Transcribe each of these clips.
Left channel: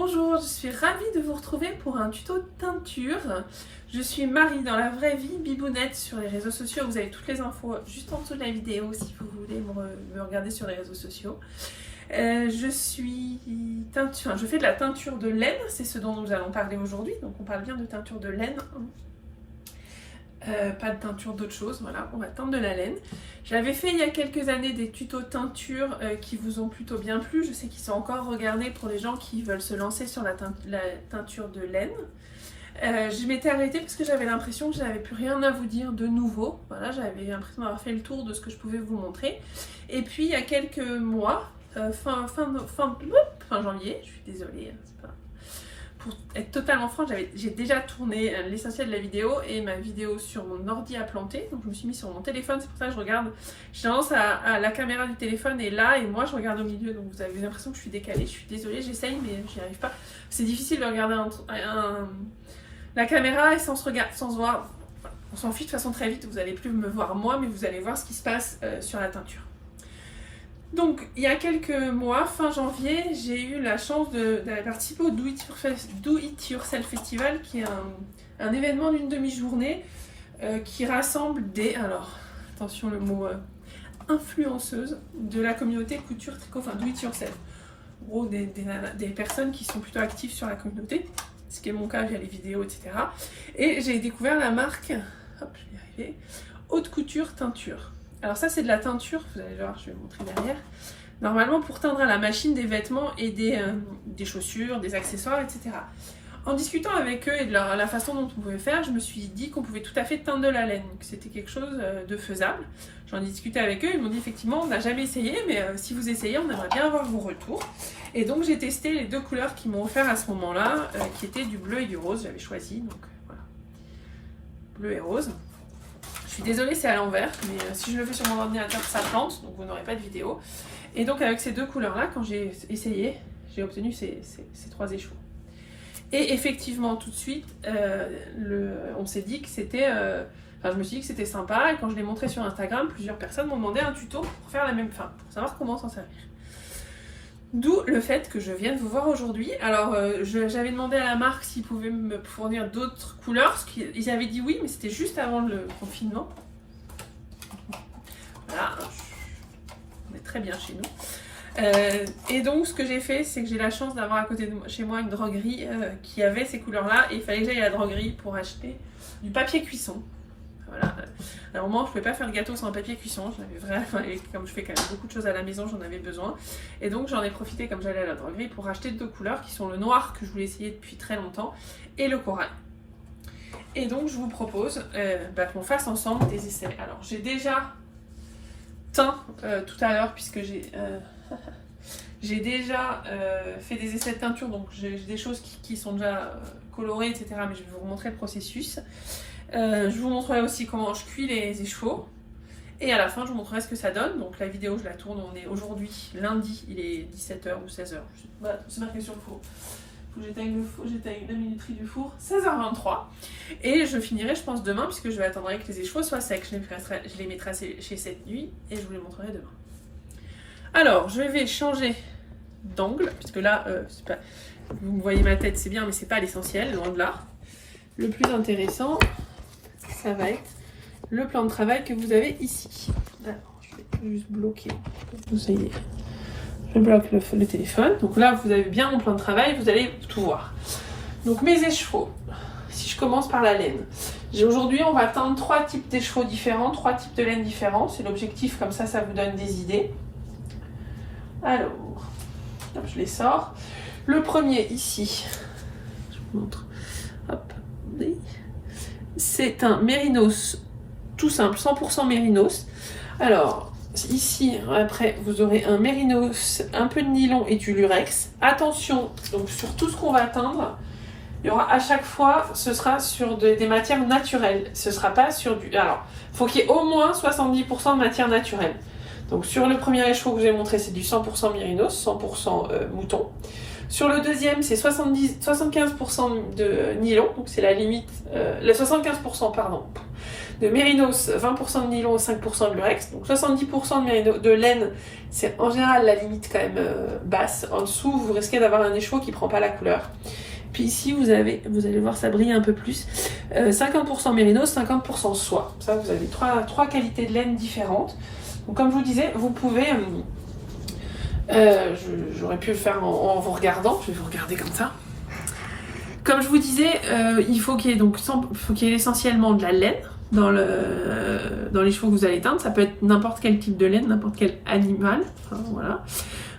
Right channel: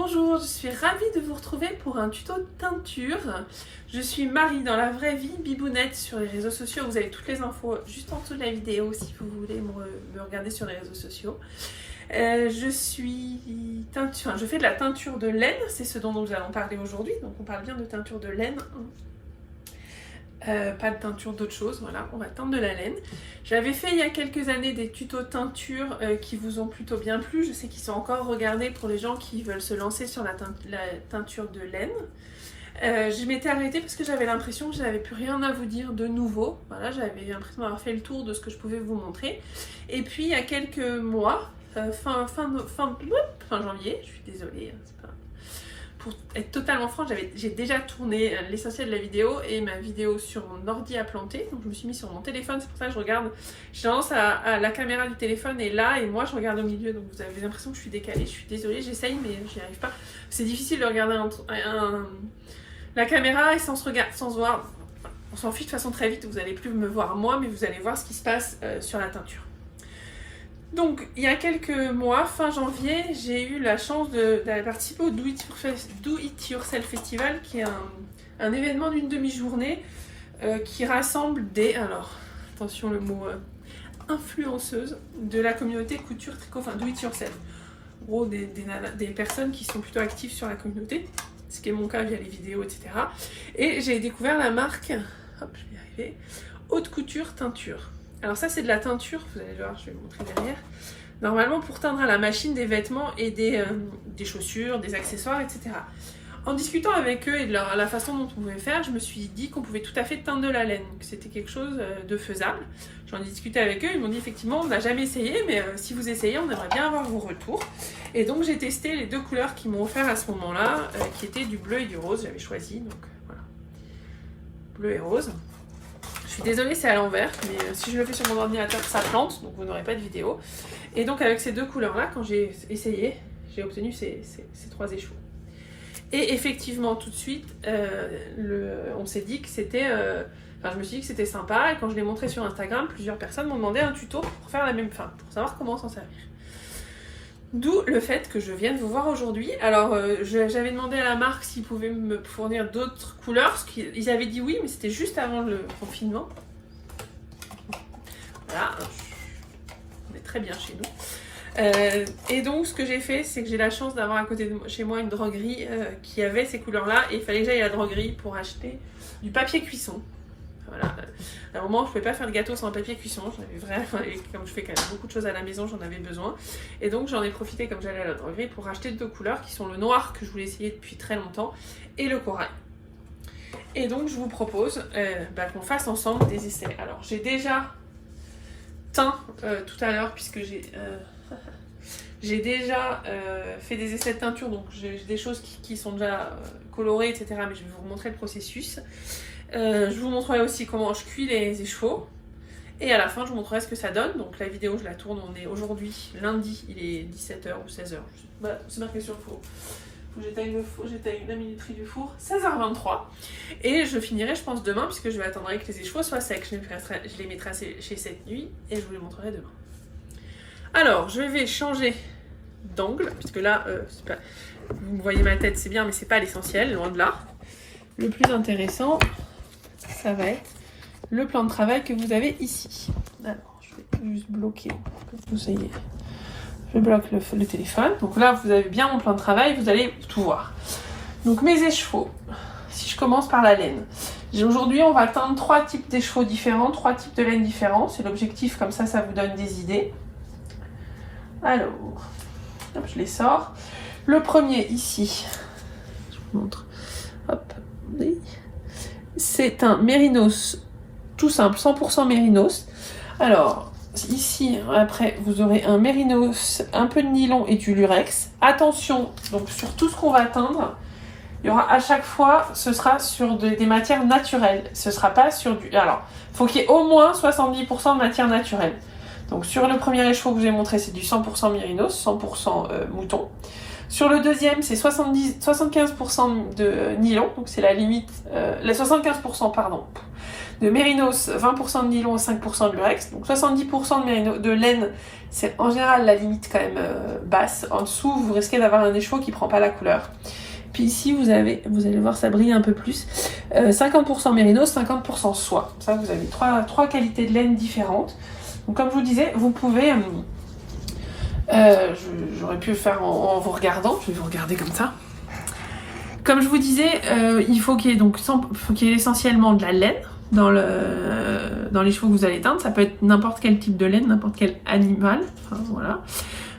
Bonjour, je suis ravie de vous retrouver pour un tuto teinture. Je suis Marie dans la vraie vie, Bibounette sur les réseaux sociaux. Vous avez toutes les infos juste en dessous de la vidéo si vous voulez me regarder sur les réseaux sociaux. Je fais de la teinture de laine, c'est ce dont nous allons parler aujourd'hui. Donc on parle bien de teinture de laine. Pas de teinture d'autre chose, voilà, on va teindre de la laine. J'avais fait il y a quelques années des tutos teinture qui vous ont plutôt bien plu. Je sais qu'ils sont encore regardés pour les gens qui veulent se lancer sur la teinture de laine. Je m'étais arrêtée parce que j'avais l'impression que je n'avais plus rien à vous dire de nouveau. Voilà, j'avais l'impression d'avoir fait le tour de ce que je pouvais vous montrer. Et puis il y a quelques mois, fin janvier, je suis désolée, c'est pas... Pour être totalement franche, j'ai déjà tourné l'essentiel de la vidéo et ma vidéo sur mon ordi a planté, donc je me suis mis sur mon téléphone, c'est pour ça que je regarde, j'ai tendance à la caméra du téléphone est là et moi je regarde au milieu, donc vous avez l'impression que je suis décalée, je suis désolée, j'essaye mais j'y arrive pas. C'est difficile de regarder la caméra et sans se voir, on s'en fiche de toute façon très vite, vous n'allez plus me voir moi, mais vous allez voir ce qui se passe sur la teinture. Donc, il y a quelques mois, fin janvier, j'ai eu la chance d'aller participer au Do It Yourself Festival, qui est un événement d'une demi-journée qui rassemble des, alors, attention le mot, influenceuses de la communauté couture tricot, enfin Do It Yourself. En gros, des personnes qui sont plutôt actives sur la communauté, ce qui est mon cas via les vidéos, etc. Et j'ai découvert la marque, hop, je vais y arriver, Haute Couture Teinture. Alors ça c'est de la teinture, vous allez voir, je vais vous montrer derrière. Normalement pour teindre à la machine des vêtements et des chaussures, des accessoires, etc. En discutant avec eux et de la façon dont on pouvait faire, je me suis dit qu'on pouvait tout à fait teindre de la laine, que c'était quelque chose de faisable. J'en ai discuté avec eux, ils m'ont dit effectivement on n'a jamais essayé, mais si vous essayez on aimerait bien avoir vos retours. Et donc j'ai testé les deux couleurs qu'ils m'ont offert à ce moment-là, qui étaient du bleu et du rose, j'avais choisi, donc voilà. Bleu et rose. Je suis désolée, c'est à l'envers, mais si je le fais sur mon ordinateur, ça plante, donc vous n'aurez pas de vidéo. Et donc avec ces deux couleurs-là, quand j'ai essayé, j'ai obtenu ces trois échevaux. Et effectivement, tout de suite, on s'est dit que c'était... je me suis dit que c'était sympa, et quand je l'ai montré sur Instagram, plusieurs personnes m'ont demandé un tuto pour faire la même fin, pour savoir comment s'en servir. D'où le fait que je vienne vous voir aujourd'hui. Alors, j'avais demandé à la marque s'ils pouvaient me fournir d'autres couleurs, parce qu'ils avaient dit oui, mais c'était juste avant le confinement. Voilà, on est très bien chez nous. Et donc, ce que j'ai fait, c'est que j'ai la chance d'avoir à côté de chez moi une droguerie qui avait ces couleurs-là, et il fallait que j'aille à la droguerie pour acheter du papier cuisson. Voilà. À un moment, je ne pouvais pas faire de gâteau sans papier cuisson. J'en avais vraiment, et comme je fais quand même beaucoup de choses à la maison, j'en avais besoin. Et donc, j'en ai profité comme j'allais à la droguerie pour acheter deux couleurs qui sont le noir que je voulais essayer depuis très longtemps et le corail. Et donc, je vous propose qu'on fasse ensemble des essais. Alors, j'ai déjà teint tout à l'heure puisque j'ai déjà fait des essais de teinture. Donc, j'ai des choses qui sont déjà colorées, etc. Mais je vais vous montrer le processus. Je vous montrerai aussi comment je cuis les écheveaux et à la fin je vous montrerai ce que ça donne. Donc la vidéo je la tourne, on est aujourd'hui lundi, il est 17h ou 16h, c'est marqué sur le four, faut que j'éteigne la minuterie du four, 16h23 et je finirai je pense demain puisque je vais attendre que les écheveaux soient secs, je les mettrai chez cette nuit et je vous les montrerai demain. Alors je vais changer d'angle puisque là c'est pas... vous me voyez ma tête c'est bien mais c'est pas l'essentiel, loin de là. Le plus intéressant ça va être le plan de travail que vous avez ici. Alors, je vais juste bloquer. Je bloque le téléphone. Donc là, vous avez bien mon plan de travail, vous allez tout voir. Donc mes écheveaux. Si je commence par la laine. Aujourd'hui, on va teindre trois types d'écheveaux différents, trois types de laine différents. C'est l'objectif, comme ça vous donne des idées. Alors, je les sors. Le premier ici, je vous montre. Hop, c'est un mérinos tout simple, 100% mérinos. Alors ici après vous aurez un mérinos, un peu de nylon et du lurex. Attention donc sur tout ce qu'on va teindre, il y aura à chaque fois, ce sera sur des matières naturelles. Ce sera pas sur du... Alors il faut qu'il y ait au moins 70% de matière naturelle. Donc sur le premier écheveau que j'ai montré c'est du 100% mérinos, 100% mouton. Sur le deuxième, c'est 75% de nylon, donc c'est la limite, les 75% pardon, de mérinos, 20% de nylon, 5% de lurex. Donc 70% de laine, c'est en général la limite quand même basse. En dessous, vous risquez d'avoir un écheveau qui prend pas la couleur. Puis ici, vous allez voir, ça brille un peu plus. 50% mérinos, 50% soie. Ça, vous avez trois qualités de laine différentes. Donc, comme je vous disais, vous pouvez... j'aurais pu le faire en vous regardant. Je vais vous regarder comme ça. Comme je vous disais, il faut qu'il y ait essentiellement de la laine dans les chevaux que vous allez teindre. Ça peut être n'importe quel type de laine, n'importe quel animal. Enfin, voilà.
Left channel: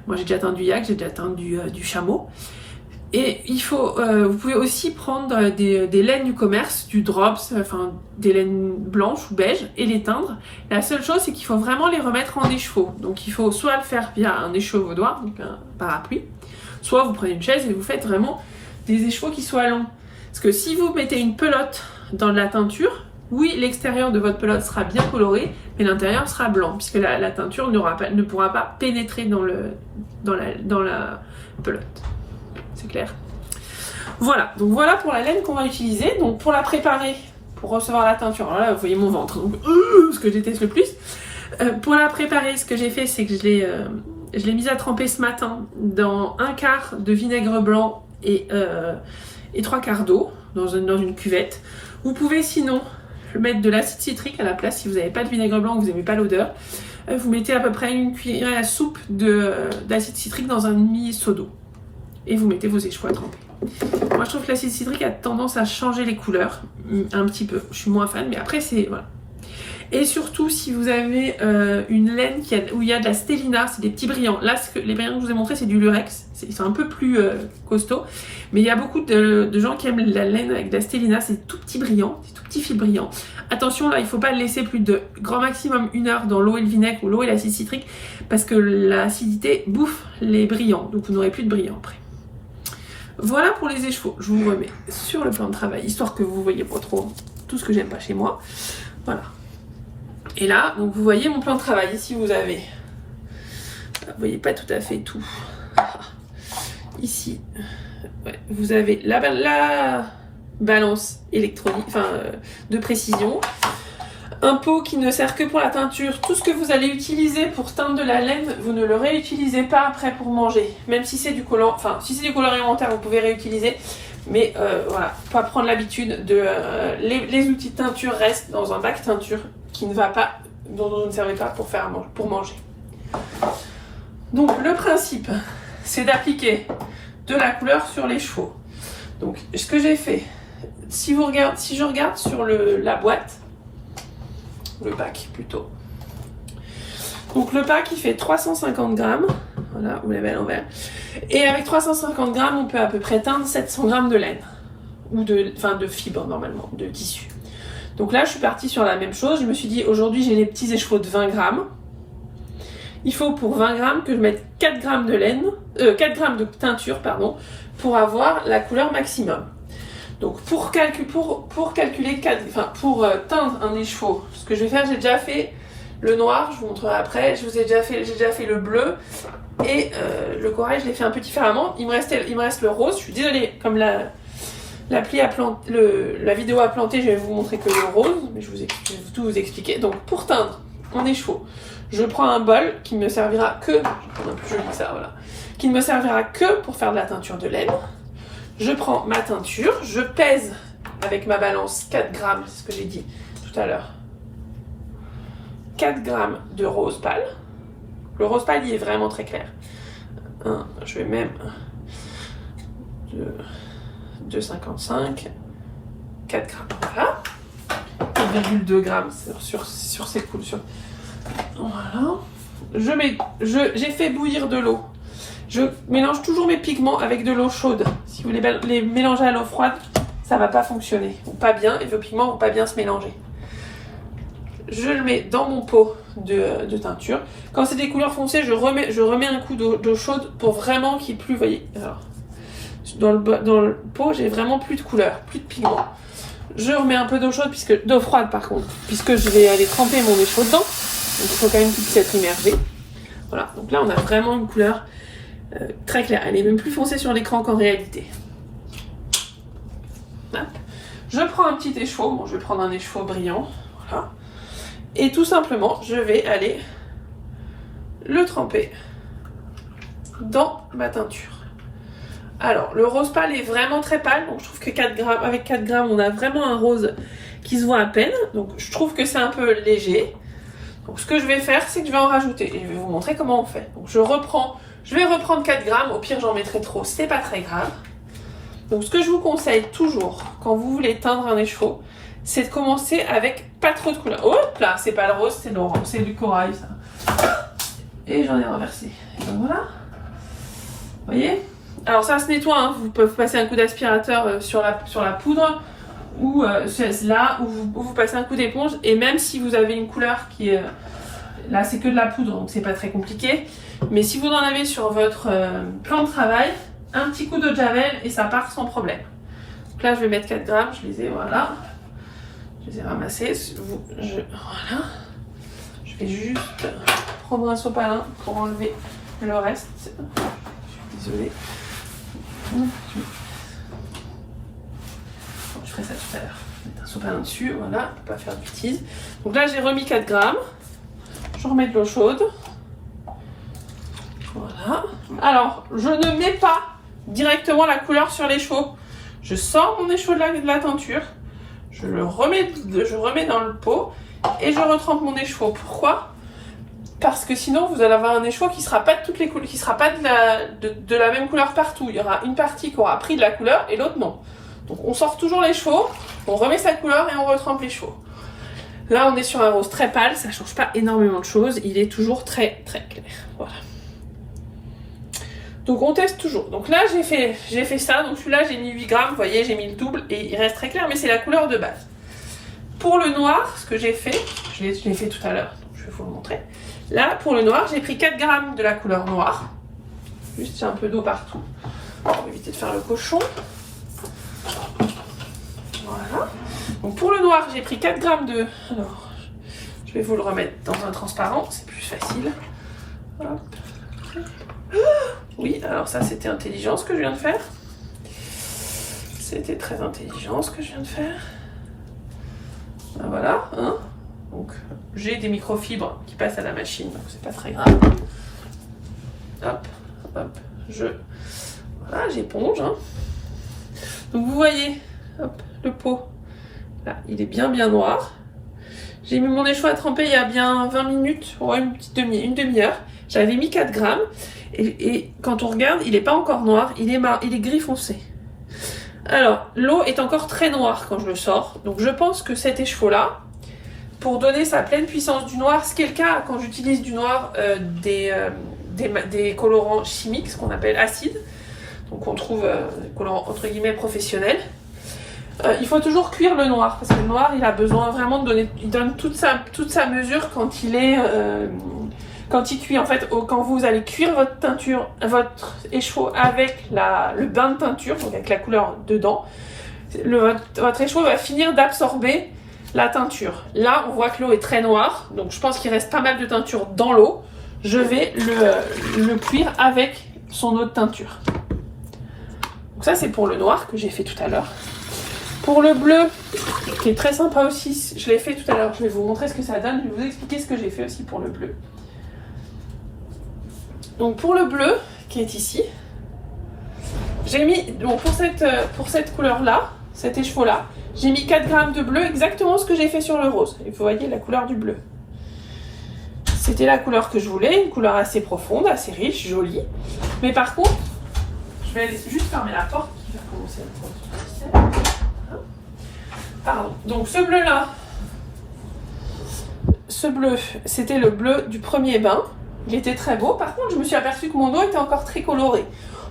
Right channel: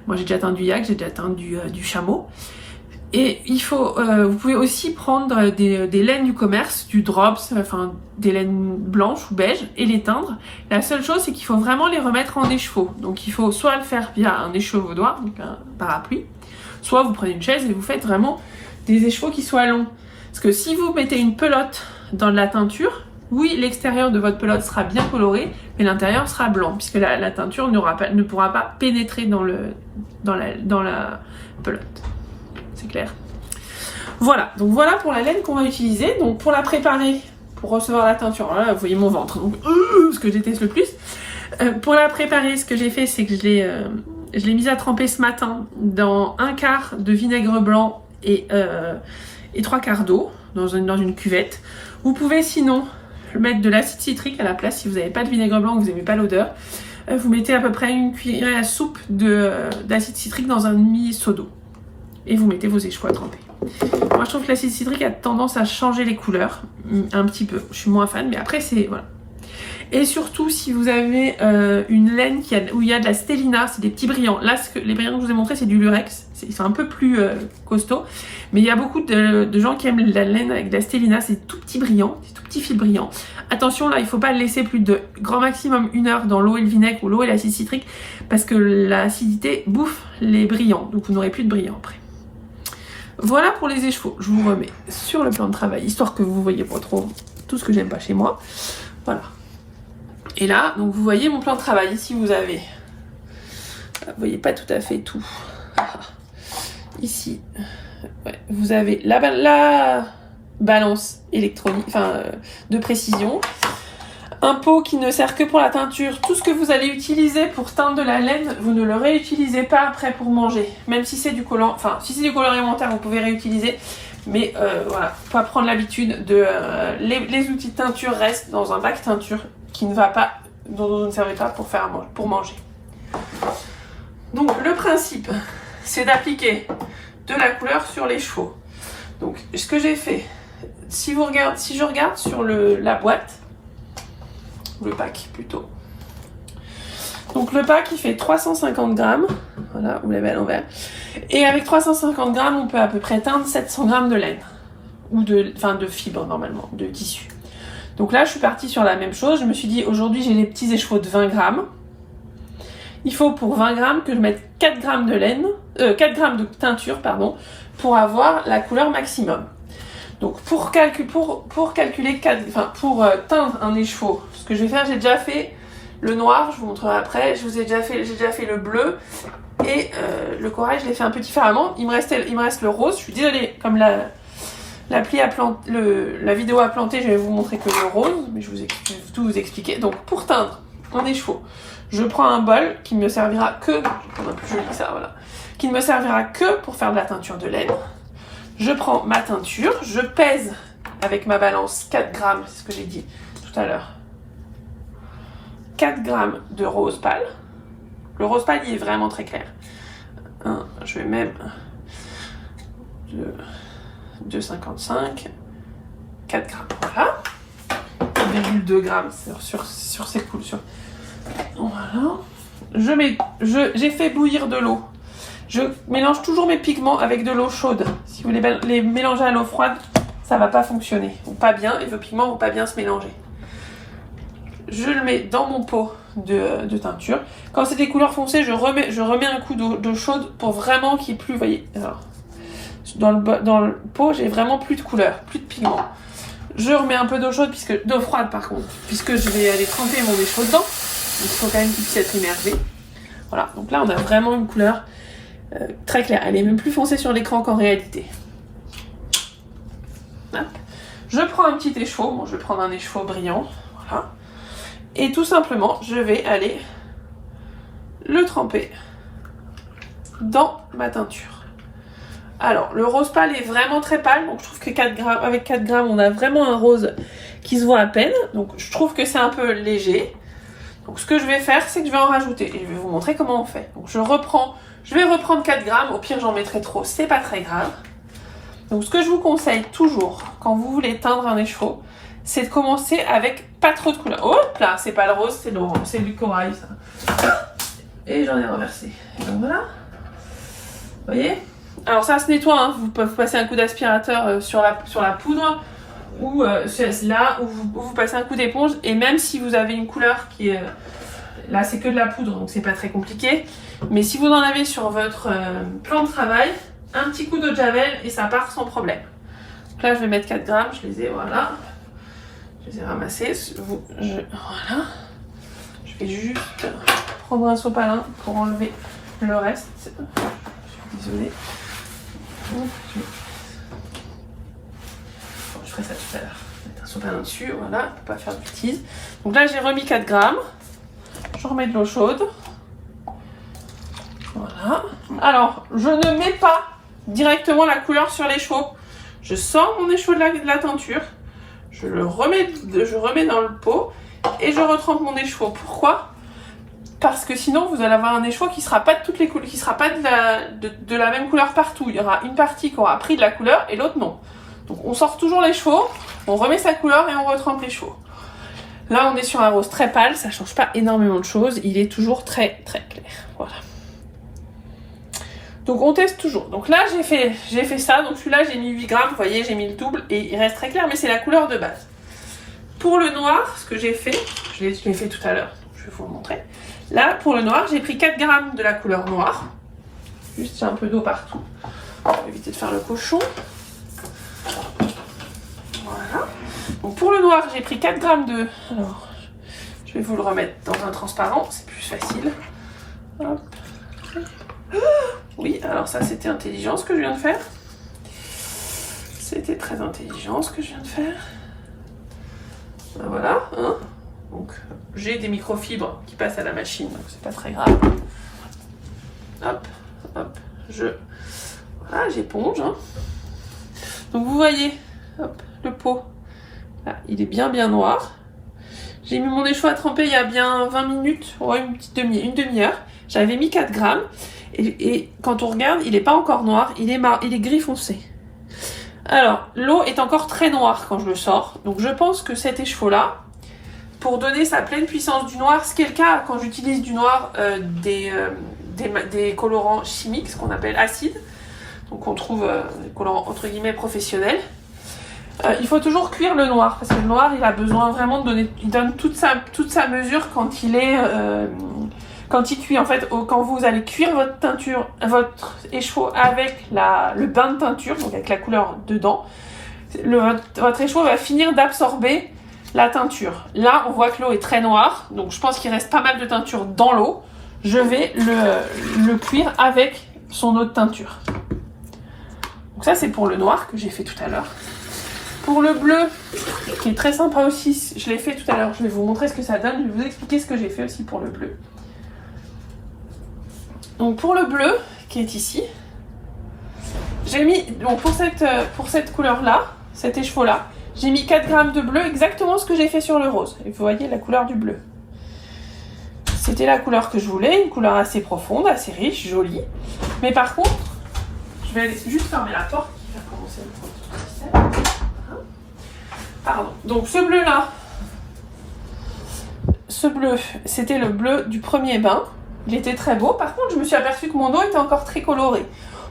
Moi, j'ai déjà teint du yak, j'ai déjà teint du chameau. Et vous pouvez aussi prendre des laines du commerce, du drops, enfin des laines blanches ou beiges et les teindre. La seule chose, c'est qu'il faut vraiment les remettre en écheveau. Donc il faut soit le faire via un échevaudoir, donc un parapluie, soit vous prenez une chaise et vous faites vraiment des écheveaux qui soient longs. Parce que si vous mettez une pelote dans de la teinture, oui, l'extérieur de votre pelote sera bien coloré, mais l'intérieur sera blanc, puisque la teinture ne pourra pas pénétrer dans la pelote. C'est clair. Voilà, donc voilà pour la laine qu'on va utiliser. Donc pour la préparer, pour recevoir la teinture, voilà, vous voyez mon ventre, donc ce que je déteste le plus. Pour la préparer, ce que j'ai fait, c'est que je l'ai mise à tremper ce matin dans 1/4 de vinaigre blanc et 3/4 d'eau dans une cuvette. Vous pouvez sinon mettre de l'acide citrique à la place si vous n'avez pas de vinaigre blanc, que vous n'aimez pas l'odeur. Vous mettez à peu près une cuillère à soupe d'acide citrique dans un demi-seau d'eau. Et vous mettez vos écheveaux à tremper. Moi, je trouve que l'acide citrique a tendance à changer les couleurs un petit peu. Je suis moins fan, mais après, c'est... Voilà. Et surtout, si vous avez une laine où il y a de la stélina, c'est des petits brillants. Là, les brillants que je vous ai montrés, c'est du lurex. Ils sont un peu plus costauds. Mais il y a beaucoup de gens qui aiment la laine avec de la stélina. C'est tout petit brillant, c'est tout petit fil brillant. Attention, là, il ne faut pas le laisser plus de grand maximum 1 heure dans l'eau et le vinaigre ou l'eau et l'acide citrique parce que l'acidité bouffe les brillants. Donc, vous n'aurez plus de brillants après. Voilà pour les écheveaux. Je vous remets sur le plan de travail, histoire que vous voyez pas trop tout ce que j'aime pas chez moi. Voilà. Et là, donc vous voyez mon plan de travail. Ici, vous avez... Vous voyez pas tout à fait tout. Ici, ouais, vous avez la balance électronique, de précision. Un pot qui ne sert que pour la teinture. Tout ce que vous allez utiliser pour teindre de la laine, vous ne le réutilisez pas après pour manger. Même si c'est du collant, si c'est du collant alimentaire, vous pouvez réutiliser. Mais voilà, faut pas prendre l'habitude de... les outils de teinture restent dans un bac teinture dont vous ne servez pas pour manger. Donc le principe, c'est d'appliquer de la couleur sur les chevaux. Donc ce que j'ai fait, si je regarde sur la boîte, le pack plutôt. Donc le pack il fait 350 grammes, voilà, vous l'avez à l'envers. Et avec 350 grammes, on peut à peu près teindre 700 grammes de laine, ou de fibres normalement, de tissu. Donc là je suis partie sur la même chose, je me suis dit aujourd'hui j'ai des petits écheveaux de 20 grammes. Il faut pour 20 grammes que je mette 4 grammes de laine, 4 grammes de teinture, pardon, pour avoir la couleur maximum. Donc pour calculer pour teindre un écheveau, ce que je vais faire, j'ai déjà fait le noir, je vous montrerai après, j'ai déjà fait le bleu et le corail, je l'ai fait un peu différemment. Il me reste le rose. Je suis désolée, comme la vidéo a planté, je vais vous montrer que le rose, mais je vais tout vous expliquer. Donc pour teindre un écheveau, je prends un bol qui ne me servira que, je vais prendre un peu plus joli que ça, voilà, qui ne me servira que pour faire de la teinture de laine. Je prends ma teinture, je pèse avec ma balance 4 grammes, c'est ce que j'ai dit tout à l'heure. 4 grammes de rose pâle. Le rose pâle, il est vraiment très clair. Je vais même 2,55, 4 grammes. Voilà. 1,2 grammes sur ces coups. Voilà. J'ai fait bouillir de l'eau. Je mélange toujours mes pigments avec de l'eau chaude. Si vous les mélangez à l'eau froide, ça ne va pas fonctionner. Ou pas bien, et vos pigments ne vont pas bien se mélanger. Je le mets dans mon pot de teinture. Quand c'est des couleurs foncées, je remets un coup d'eau chaude pour vraiment qu'il n'y ait plus, vous voyez, alors, dans le pot, j'ai vraiment plus de couleur, plus de pigments. Je remets un peu d'eau chaude, d'eau froide par contre, puisque je vais aller tremper mon écheveau dedans. Donc il faut quand même qu'il puisse être immergé. Voilà, donc là on a vraiment une couleur très claire. Elle est même plus foncée sur l'écran qu'en réalité. Hop. Je prends un petit écheveau, bon, je vais prendre un écheveau brillant. Voilà. Et tout simplement, je vais aller le tremper dans ma teinture. Alors, le rose pâle est vraiment très pâle, donc je trouve que 4 grammes, avec 4 grammes, on a vraiment un rose qui se voit à peine. Donc, je trouve que c'est un peu léger. Donc, ce que je vais faire, c'est que je vais en rajouter. Et je vais vous montrer comment on fait. Donc, je vais reprendre 4 grammes. Au pire, j'en mettrai trop, c'est pas très grave. Donc, ce que je vous conseille toujours, quand vous voulez teindre un écheveau, c'est de commencer avec pas trop de couleur. Hop là, c'est pas le rose, c'est l'orange, c'est du corail, ça. Et j'en ai renversé. Et donc voilà. Vous voyez? Alors ça se nettoie, hein. Vous pouvez passer un coup d'aspirateur sur la poudre ou là où vous passez un coup d'éponge. Et même si vous avez une couleur qui est... là c'est que de la poudre, donc c'est pas très compliqué. Mais si vous en avez sur votre plan de travail, un petit coup d'eau de javel et ça part sans problème. Donc là je vais mettre 4 grammes, je les ai, voilà. Je les ai ramassés. Voilà. Je vais juste prendre un sopalin pour enlever le reste. Désolée. Je ferai ça tout à l'heure. Mettre un sopalin dessus, voilà, pour pas faire de bêtises. Donc là, j'ai remis 4 grammes. Je remets de l'eau chaude. Voilà. Alors, je ne mets pas directement la couleur sur l'écheveau. Je sors mon écheveau de la teinture. Je remets dans le pot et je retrempe mon écheveau. Pourquoi ? Parce que sinon, vous allez avoir un écheveau qui ne sera pas de toutes les couleurs, qui sera pas de la même couleur partout. Il y aura une partie qui aura pris de la couleur et l'autre non. Donc on sort toujours l'écheveau, on remet sa couleur et on retrempe l'écheveau. Là, on est sur un rose très pâle, ça ne change pas énormément de choses. Il est toujours très très clair. Voilà. Donc on teste toujours. Donc là, j'ai fait ça. Donc celui-là, j'ai mis 8 grammes. Vous voyez, j'ai mis le double et il reste très clair, mais c'est la couleur de base. Pour le noir, ce que j'ai fait, je l'ai fait tout à l'heure. Je vais vous le montrer. Là, pour le noir, j'ai pris 4 grammes de la couleur noire. Juste, il y a un peu d'eau partout. On va éviter de faire le cochon. Voilà. Donc pour le noir, j'ai pris 4 grammes de... Alors, je vais vous le remettre dans un transparent, c'est plus facile. Hop. Oui, alors ça, c'était intelligent ce que je viens de faire. C'était très intelligent ce que je viens de faire. Voilà, hein. Donc, j'ai des microfibres qui passent à la machine, donc c'est pas très grave. Hop, hop, voilà, j'éponge. Hein. Donc, vous voyez, hop, le pot, là, il est bien noir. J'ai mis mon écheveau à tremper il y a bien 20 minutes, ouais, une demi-heure. J'avais mis 4 grammes, et quand on regarde, il n'est pas encore noir, il est gris foncé. Alors, l'eau est encore très noire quand je le sors, donc je pense que cet écheveau-là, pour donner sa pleine puissance du noir, ce qui est le cas quand j'utilise du noir, des colorants chimiques, ce qu'on appelle acides, donc on trouve des colorants entre guillemets professionnels. Il faut toujours cuire le noir, parce que le noir il a besoin vraiment de donner, il donne toute sa mesure quand il cuit. En fait, quand vous allez cuire votre teinture, votre écheveau avec le bain de teinture, donc avec la couleur dedans, votre écheveau va finir d'absorber la teinture. Là, on voit que l'eau est très noire, donc je pense qu'il reste pas mal de teinture dans l'eau. Je vais le cuire avec son eau de teinture. Donc ça, c'est pour le noir que j'ai fait tout à l'heure. Pour le bleu, qui est très sympa aussi, je l'ai fait tout à l'heure. Je vais vous montrer ce que ça donne. Je vais vous expliquer ce que j'ai fait aussi pour le bleu. Donc pour le bleu, qui est ici, j'ai mis, donc pour cette couleur-là, cet écheveau-là, j'ai mis 4 grammes de bleu, exactement ce que j'ai fait sur le rose. Et vous voyez la couleur du bleu. C'était la couleur que je voulais, une couleur assez profonde, assez riche, jolie. Mais par contre, je vais juste fermer la porte qui va commencer le produit. Pardon. Donc ce bleu-là, c'était le bleu du premier bain. Il était très beau. Par contre, je me suis aperçue que mon eau était encore très colorée.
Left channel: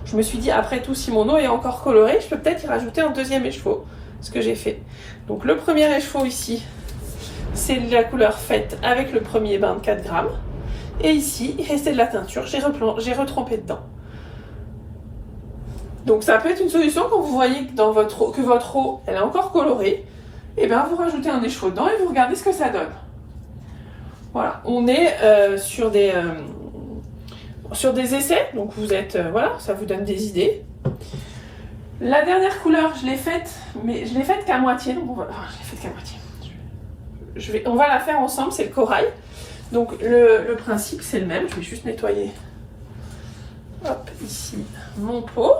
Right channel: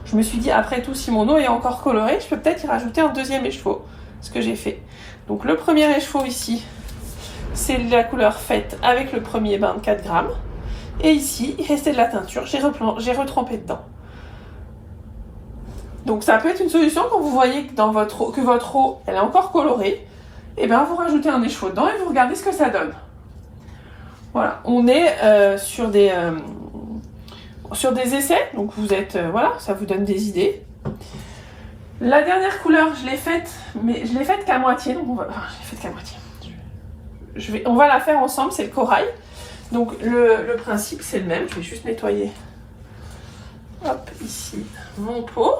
Je me suis dit, après tout, si mon eau est encore colorée, je peux peut-être y rajouter un deuxième écheveau. Ce que j'ai fait. Donc le premier écheveau ici, c'est la couleur faite avec le premier bain de 4 grammes. Et ici, il restait de la teinture. J'ai retrempé dedans. Donc ça peut être une solution quand vous voyez que votre eau, elle est encore colorée. Et bien vous rajoutez un écheveau dedans et vous regardez ce que ça donne. Voilà, on est sur des essais, donc vous êtes, voilà, ça vous donne des idées. La dernière couleur, je l'ai faite, mais je l'ai faite qu'à moitié, donc je l'ai faite qu'à moitié. on va la faire ensemble, c'est le corail. Donc le principe c'est le même, je vais juste nettoyer hop, ici mon pot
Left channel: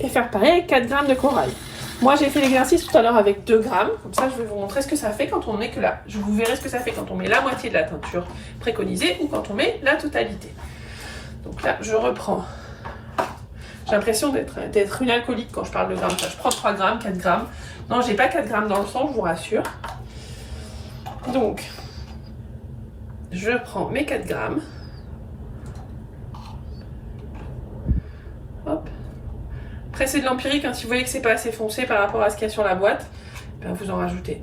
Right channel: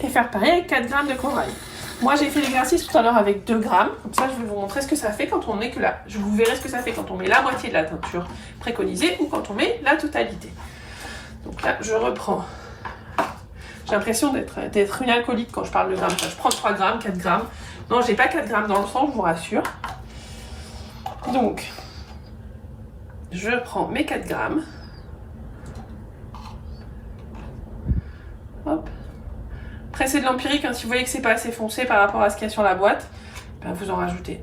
et faire pareil avec 4 grammes de corail. Moi j'ai fait l'exercice tout à l'heure avec 2 grammes, comme ça je vais vous montrer ce que ça fait quand on met que là. Vous verrez ce que ça fait quand on met la moitié de la teinture préconisée ou quand on met la totalité. Donc là je reprends. J'ai l'impression d'être une alcoolique quand je parle de grammes. Je prends 3 grammes, 4 grammes. Non, j'ai pas 4 grammes dans le sang, je vous rassure. Donc, je prends mes 4 grammes. Hop. Après, c'est de l'empirique. Hein. Si vous voyez que c'est pas assez foncé par rapport à ce qu'il y a sur la boîte, ben vous en rajoutez.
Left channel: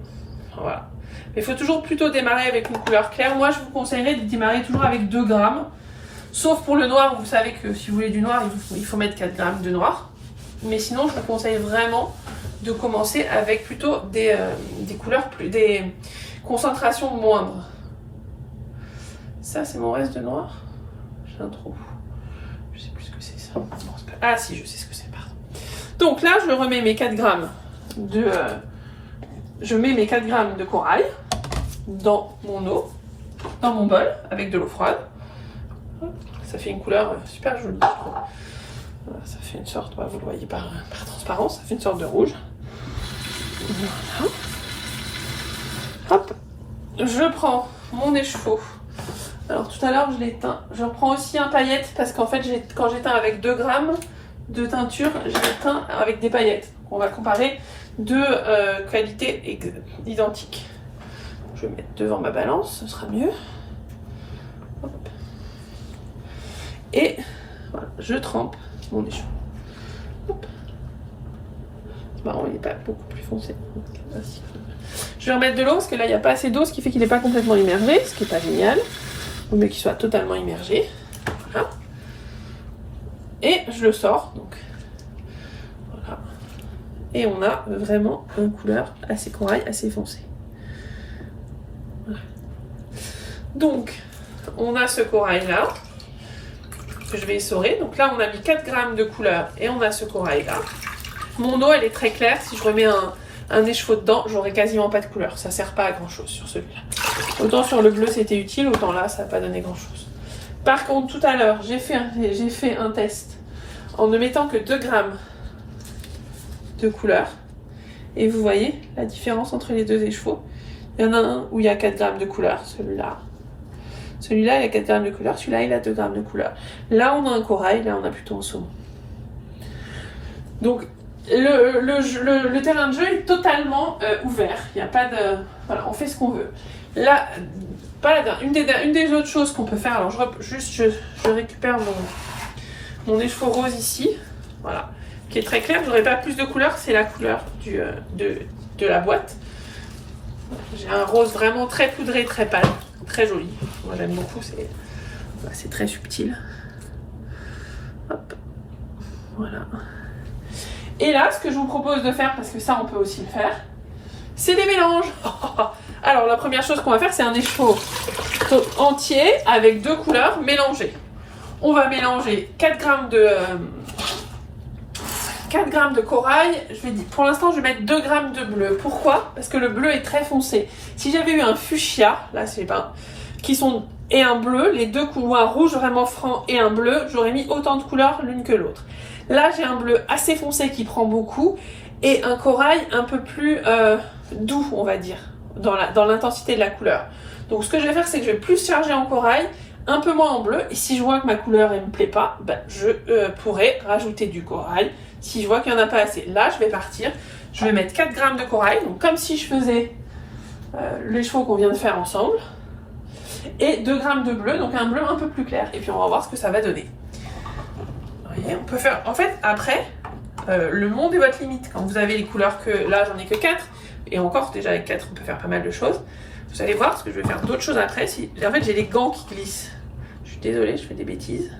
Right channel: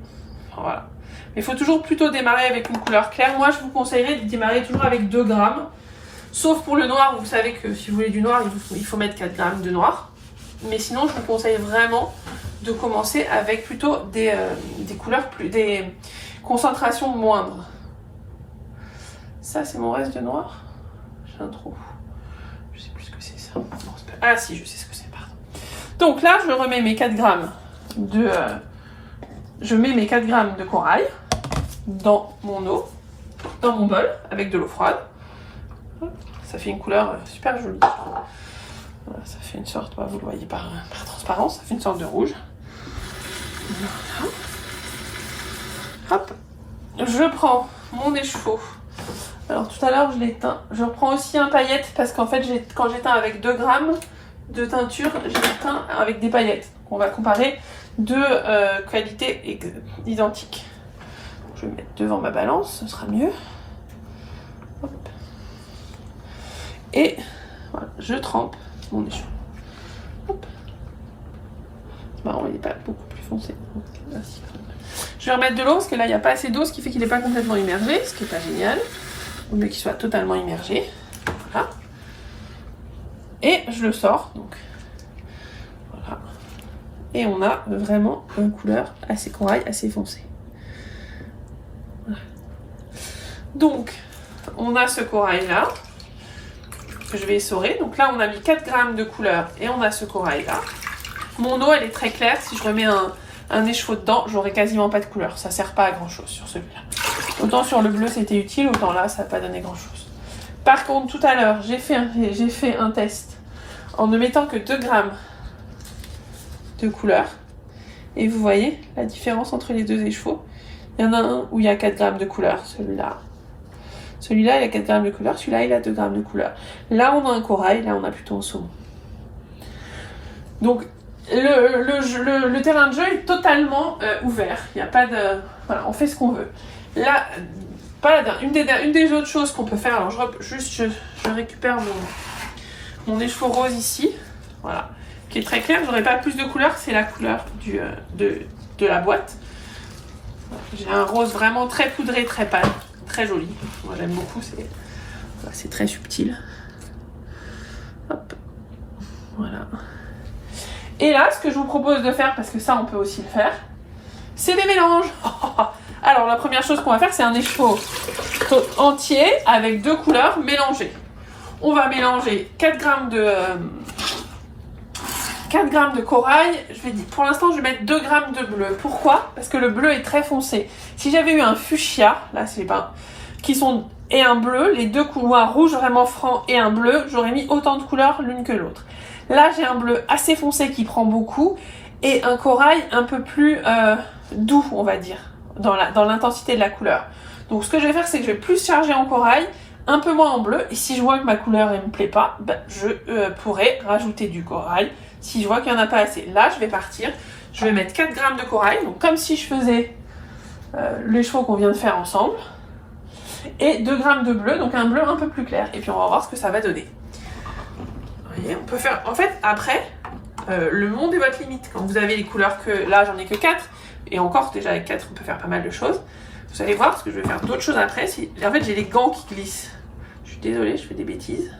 Voilà. Mais il faut toujours plutôt démarrer avec une couleur claire. Moi, je vous conseillerais de démarrer toujours avec 2 grammes. Sauf pour le noir, vous savez que si vous voulez du noir, il faut mettre 4 grammes de noir. Mais sinon, je vous conseille vraiment de commencer avec plutôt des couleurs des concentrations moindres. Ça, c'est mon reste de noir. J'ai un trou. Je sais plus ce que c'est ça. Ah si, je sais ce que c'est, pardon. Donc là, je remets mes 4 grammes de... je mets mes 4 grammes de corail dans mon eau, dans mon bol, avec de l'eau froide. Ça fait une couleur super jolie. Voilà, ça fait une sorte, vous le voyez par transparence, ça fait une sorte de rouge. Voilà. Hop, je prends mon écheveau. Alors tout à l'heure je l'ai teint. Je prends aussi un paillette parce qu'en fait quand j'ai teint avec 2 grammes de teinture, j'ai teint avec des paillettes. On va comparer deux qualités identiques. Je vais mettre devant ma balance, ce sera mieux. Hop. Et voilà, je trempe mon écheveau. Hop. C'est marrant, il n'est pas beaucoup plus foncé. Je vais remettre de l'eau parce que là il n'y a pas assez d'eau, ce qui fait qu'il n'est pas complètement immergé, ce qui n'est pas génial. Il vaut mieux qu'il soit totalement immergé. Voilà. Et je le sors. Donc. Voilà. Et on a vraiment une couleur assez corail, assez foncée. Voilà. Donc, on a ce corail là que je vais essorer. Donc là, on a mis 4 grammes de couleur et on a ce corail là. Mon eau, elle est très claire. Si je remets un écheveau dedans, j'aurai quasiment pas de couleur. Ça sert pas à grand chose sur celui-là. Autant sur le bleu c'était utile, autant là ça n'a pas donné grand chose. Par contre, tout à l'heure, j'ai fait un test en ne mettant que 2 grammes de couleur. Et vous voyez la différence entre les deux écheveaux. Il y en a un où il y a 4 grammes de couleur, celui-là. Celui-là, il a 4 grammes de couleur, celui-là, il a 2 grammes de couleur. Là, on a un corail, là, on a plutôt un saumon. Donc, le terrain de jeu est totalement ouvert. Il n'y a pas de... Voilà, on fait ce qu'on veut. Là, une des autres choses qu'on peut faire, alors je récupère mon écheveau rose ici, voilà, qui est très clair. J'aurais pas plus de couleur, c'est la couleur de la boîte. J'ai un rose vraiment très poudré, très pâle, très joli. Moi j'aime beaucoup, c'est très subtil. Hop, voilà. Et là, ce que je vous propose de faire, parce que ça on peut aussi le faire, c'est des mélanges. Alors la première chose qu'on va faire, c'est un écheveau entier avec 2 couleurs mélangées. On va mélanger 4 grammes de corail. Pour l'instant, je vais mettre 2 grammes de bleu. Pourquoi? Parce que le bleu est très foncé. Si j'avais eu un fuchsia, là c'est pas, et un bleu, les deux couleurs, un rouge vraiment franc et un bleu, j'aurais mis autant de couleurs l'une que l'autre. Là, j'ai un bleu assez foncé qui prend beaucoup et un corail un peu plus doux, on va dire, dans l'intensité de la couleur. Donc ce que je vais faire, c'est que je vais plus charger en corail, un peu moins en bleu, et si je vois que ma couleur ne me plaît pas, je pourrais rajouter du corail. Si je vois qu'il n'y en a pas assez, là je vais partir, je vais mettre 4 grammes de corail, donc comme si je faisais l'écheveau qu'on vient de faire ensemble, et 2 grammes de bleu, donc un bleu un peu plus clair, et puis on va voir ce que ça va donner. Vous voyez, on peut faire, en fait, après, le monde est votre limite. Quand vous avez les couleurs que, là j'en ai que 4, et encore déjà avec 4 on peut faire pas mal de choses. Vous allez voir, parce que je vais faire d'autres choses après. En fait j'ai les gants qui glissent. Je suis désolée, je fais des bêtises.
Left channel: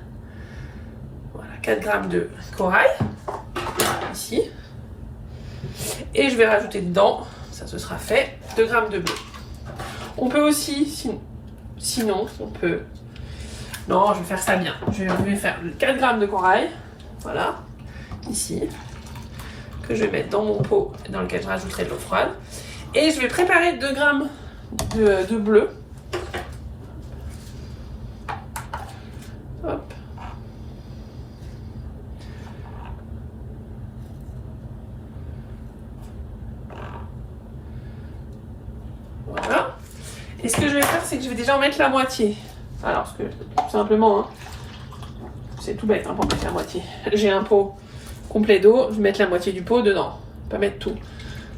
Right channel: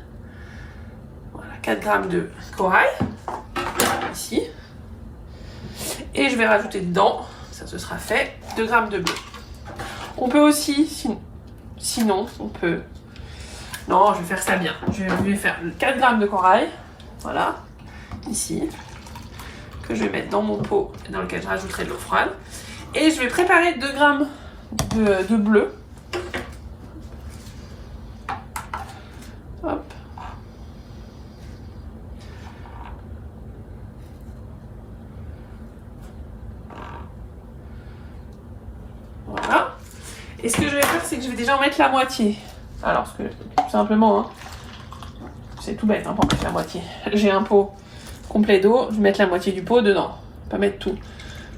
Voilà, 4 grammes de corail, ici. Et je vais rajouter dedans, ça ce sera fait, 2 grammes de bleu. On peut aussi, sinon on peut... Non, je vais faire ça bien. Je vais faire 4 grammes de corail, voilà, ici, que je vais mettre dans mon pot dans lequel je rajouterai de l'eau froide. Et je vais préparer 2 grammes de bleu. Hop. Voilà. Et ce que je vais faire, c'est que je vais déjà en mettre la moitié. Alors, tout simplement, hein, c'est tout bête hein, pour mettre la moitié. J'ai un pot complet d'eau, je vais mettre la moitié du pot dedans, pas mettre tout.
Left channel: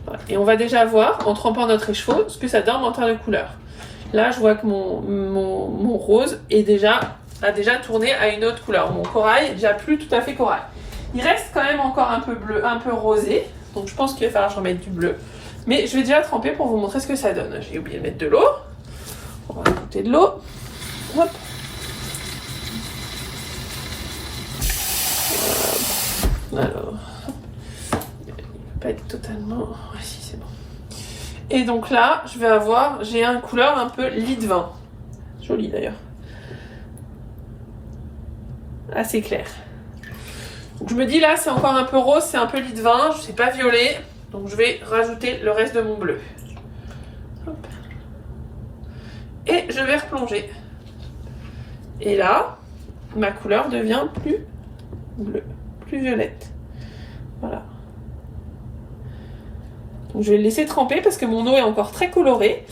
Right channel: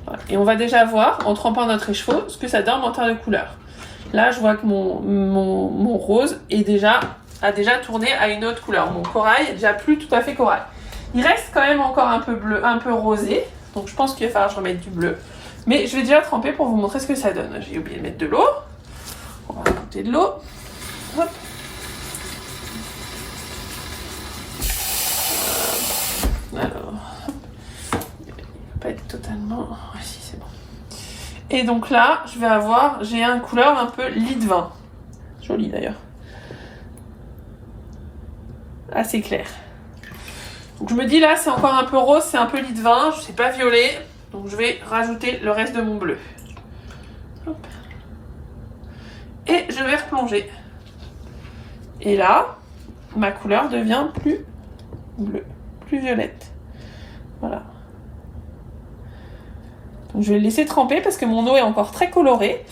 Voilà. Et on va déjà voir, en trempant notre écheveau, ce que ça donne en termes de couleur. Là, je vois que mon rose a déjà tourné à une autre couleur. Mon corail est déjà plus tout à fait corail. Il reste quand même encore un peu bleu, un peu rosé. Donc je pense qu'il va falloir que je remette du bleu. Mais je vais déjà tremper pour vous montrer ce que ça donne. J'ai oublié de mettre de l'eau. On va rajouter de l'eau. Hop. Alors, pas être totalement... Ouais, si, c'est bon. Et donc là, j'ai une couleur un peu lit de vin. Joli d'ailleurs. Assez clair. Donc je me dis là, c'est encore un peu rose, c'est un peu lit de vin, c'est pas violet. Donc je vais rajouter le reste de mon bleu. Hop. Et je vais replonger. Et là, ma couleur devient plus bleue, plus violette. Voilà. Donc je vais le laisser tremper parce que mon eau est encore très colorée.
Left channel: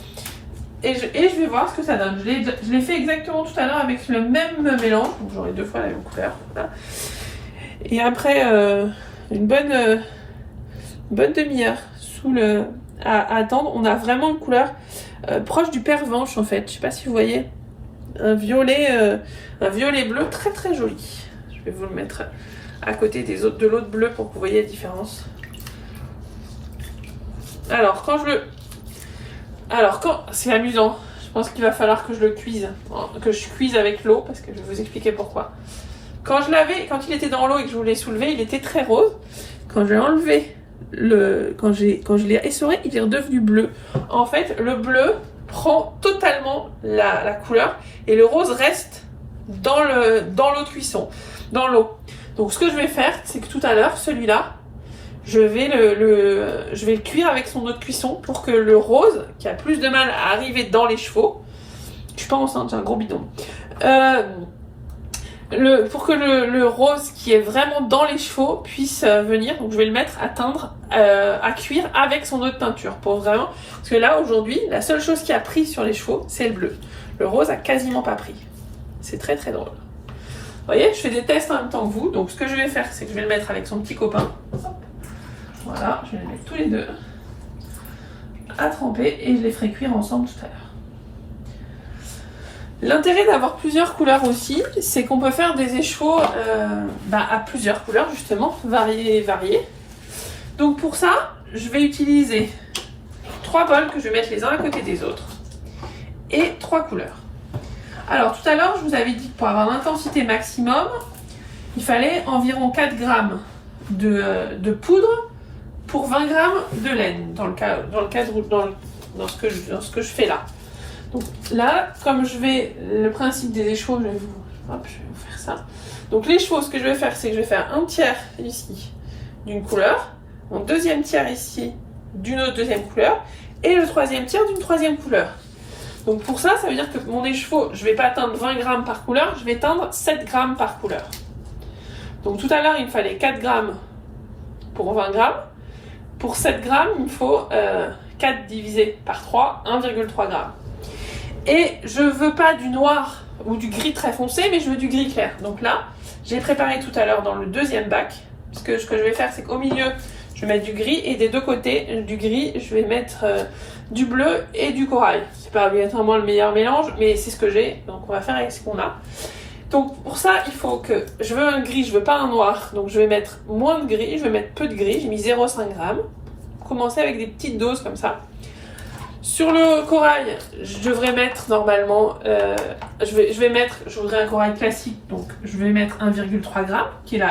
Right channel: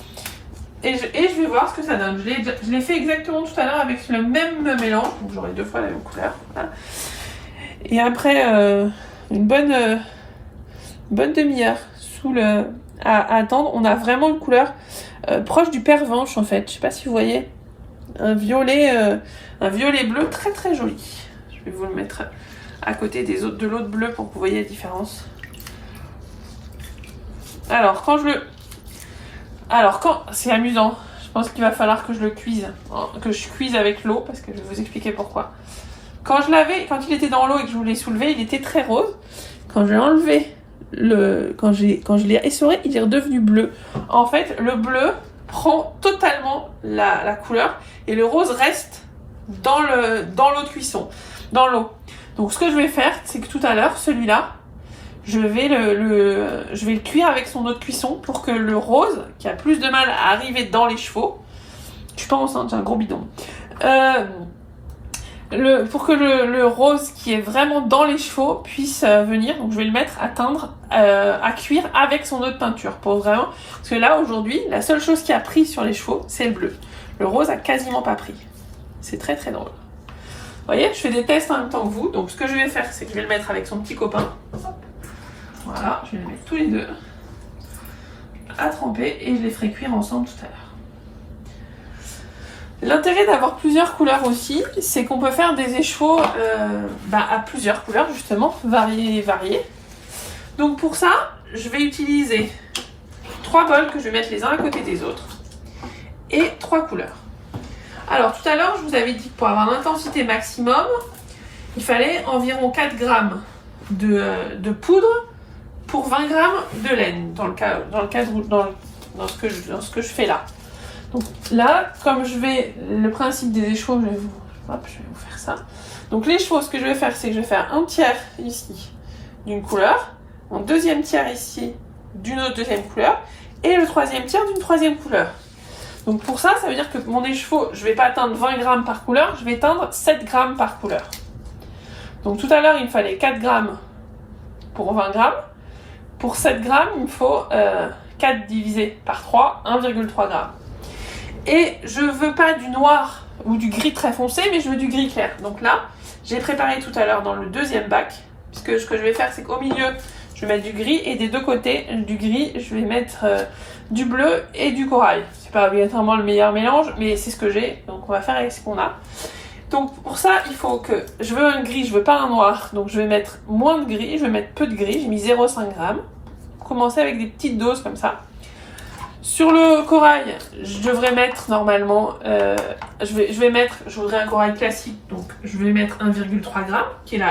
Et je vais voir ce que ça donne. Je l'ai fait exactement tout à l'heure avec le même mélange. Donc j'aurai 2 fois la même couleur. Voilà. Et après une bonne demi-heure à attendre, on a vraiment une couleur proche du pervenche en fait. Je sais pas si vous voyez. Un violet bleu très très joli. Je vais vous le mettre à côté de l'autre bleu pour que vous voyez la différence. Alors quand c'est amusant, je pense qu'il va falloir que je le cuise, que je cuise avec l'eau parce que je vais vous expliquer pourquoi. Quand il était dans l'eau et que je voulais soulever, il était très rose. Quand j'ai enlevé quand je l'ai essoré, il est redevenu bleu. En fait, le bleu prend totalement la couleur et le rose reste dans l'eau de cuisson, dans l'eau. Donc ce que je vais faire, c'est que tout à l'heure, celui-là, je vais le cuire avec son eau de cuisson pour que le rose, qui a plus de mal à arriver dans les chevaux, je suis pas enceinte, j'ai un gros bidon, pour que le rose qui est vraiment dans les chevaux puisse venir. Donc je vais le mettre à cuire avec son eau de peinture pour vraiment, parce que là aujourd'hui la seule chose qui a pris sur les chevaux c'est le bleu. Le rose a quasiment pas pris. C'est très très drôle. Vous voyez, je fais des tests en même temps que vous. Donc ce que je vais faire, c'est que je vais le mettre avec son petit copain. Voilà, je vais les mettre tous les deux à tremper et je les ferai cuire ensemble tout à l'heure. L'intérêt d'avoir plusieurs couleurs aussi, c'est qu'on peut faire des écheveaux à plusieurs couleurs justement, variées. Donc pour ça, je vais utiliser 3 bols que je vais mettre les uns à côté des autres et 3 couleurs. Alors tout à l'heure, je vous avais dit que pour avoir l'intensité maximum, il fallait environ 4 grammes de poudre pour 20 grammes de laine, dans ce que je fais là. Donc là, comme le principe des écheveaux, je vais vous faire ça. Donc les écheveaux, ce que je vais faire, c'est que je vais faire un tiers ici d'une couleur, mon deuxième tiers ici d'une autre deuxième couleur, et le troisième tiers d'une troisième couleur. Donc pour ça, ça veut dire que mon écheveau, je ne vais pas atteindre 20 grammes par couleur, je vais atteindre 7 grammes par couleur. Donc tout à l'heure, il me fallait 4 grammes pour 20 grammes. Pour 7 grammes, il me faut 4 divisé par 3, 1,3 grammes. Et je veux pas du noir ou du gris très foncé, mais je veux du gris clair. Donc là, j'ai préparé tout à l'heure dans le deuxième bac, parce que ce que je vais faire, c'est qu'au milieu, je vais mettre du gris, et des deux côtés du gris, je vais mettre du bleu et du corail. C'est pas obligatoirement le meilleur mélange, mais c'est ce que j'ai, donc on va faire avec ce qu'on a. Donc pour ça, il faut que, je veux un gris, je veux pas un noir, donc je vais mettre moins de gris, je vais mettre peu de gris, j'ai mis 0,5 g. Commencer avec des petites doses comme ça. Sur le corail, je devrais mettre normalement, je voudrais un corail classique, donc je vais mettre 1,3 g, qui est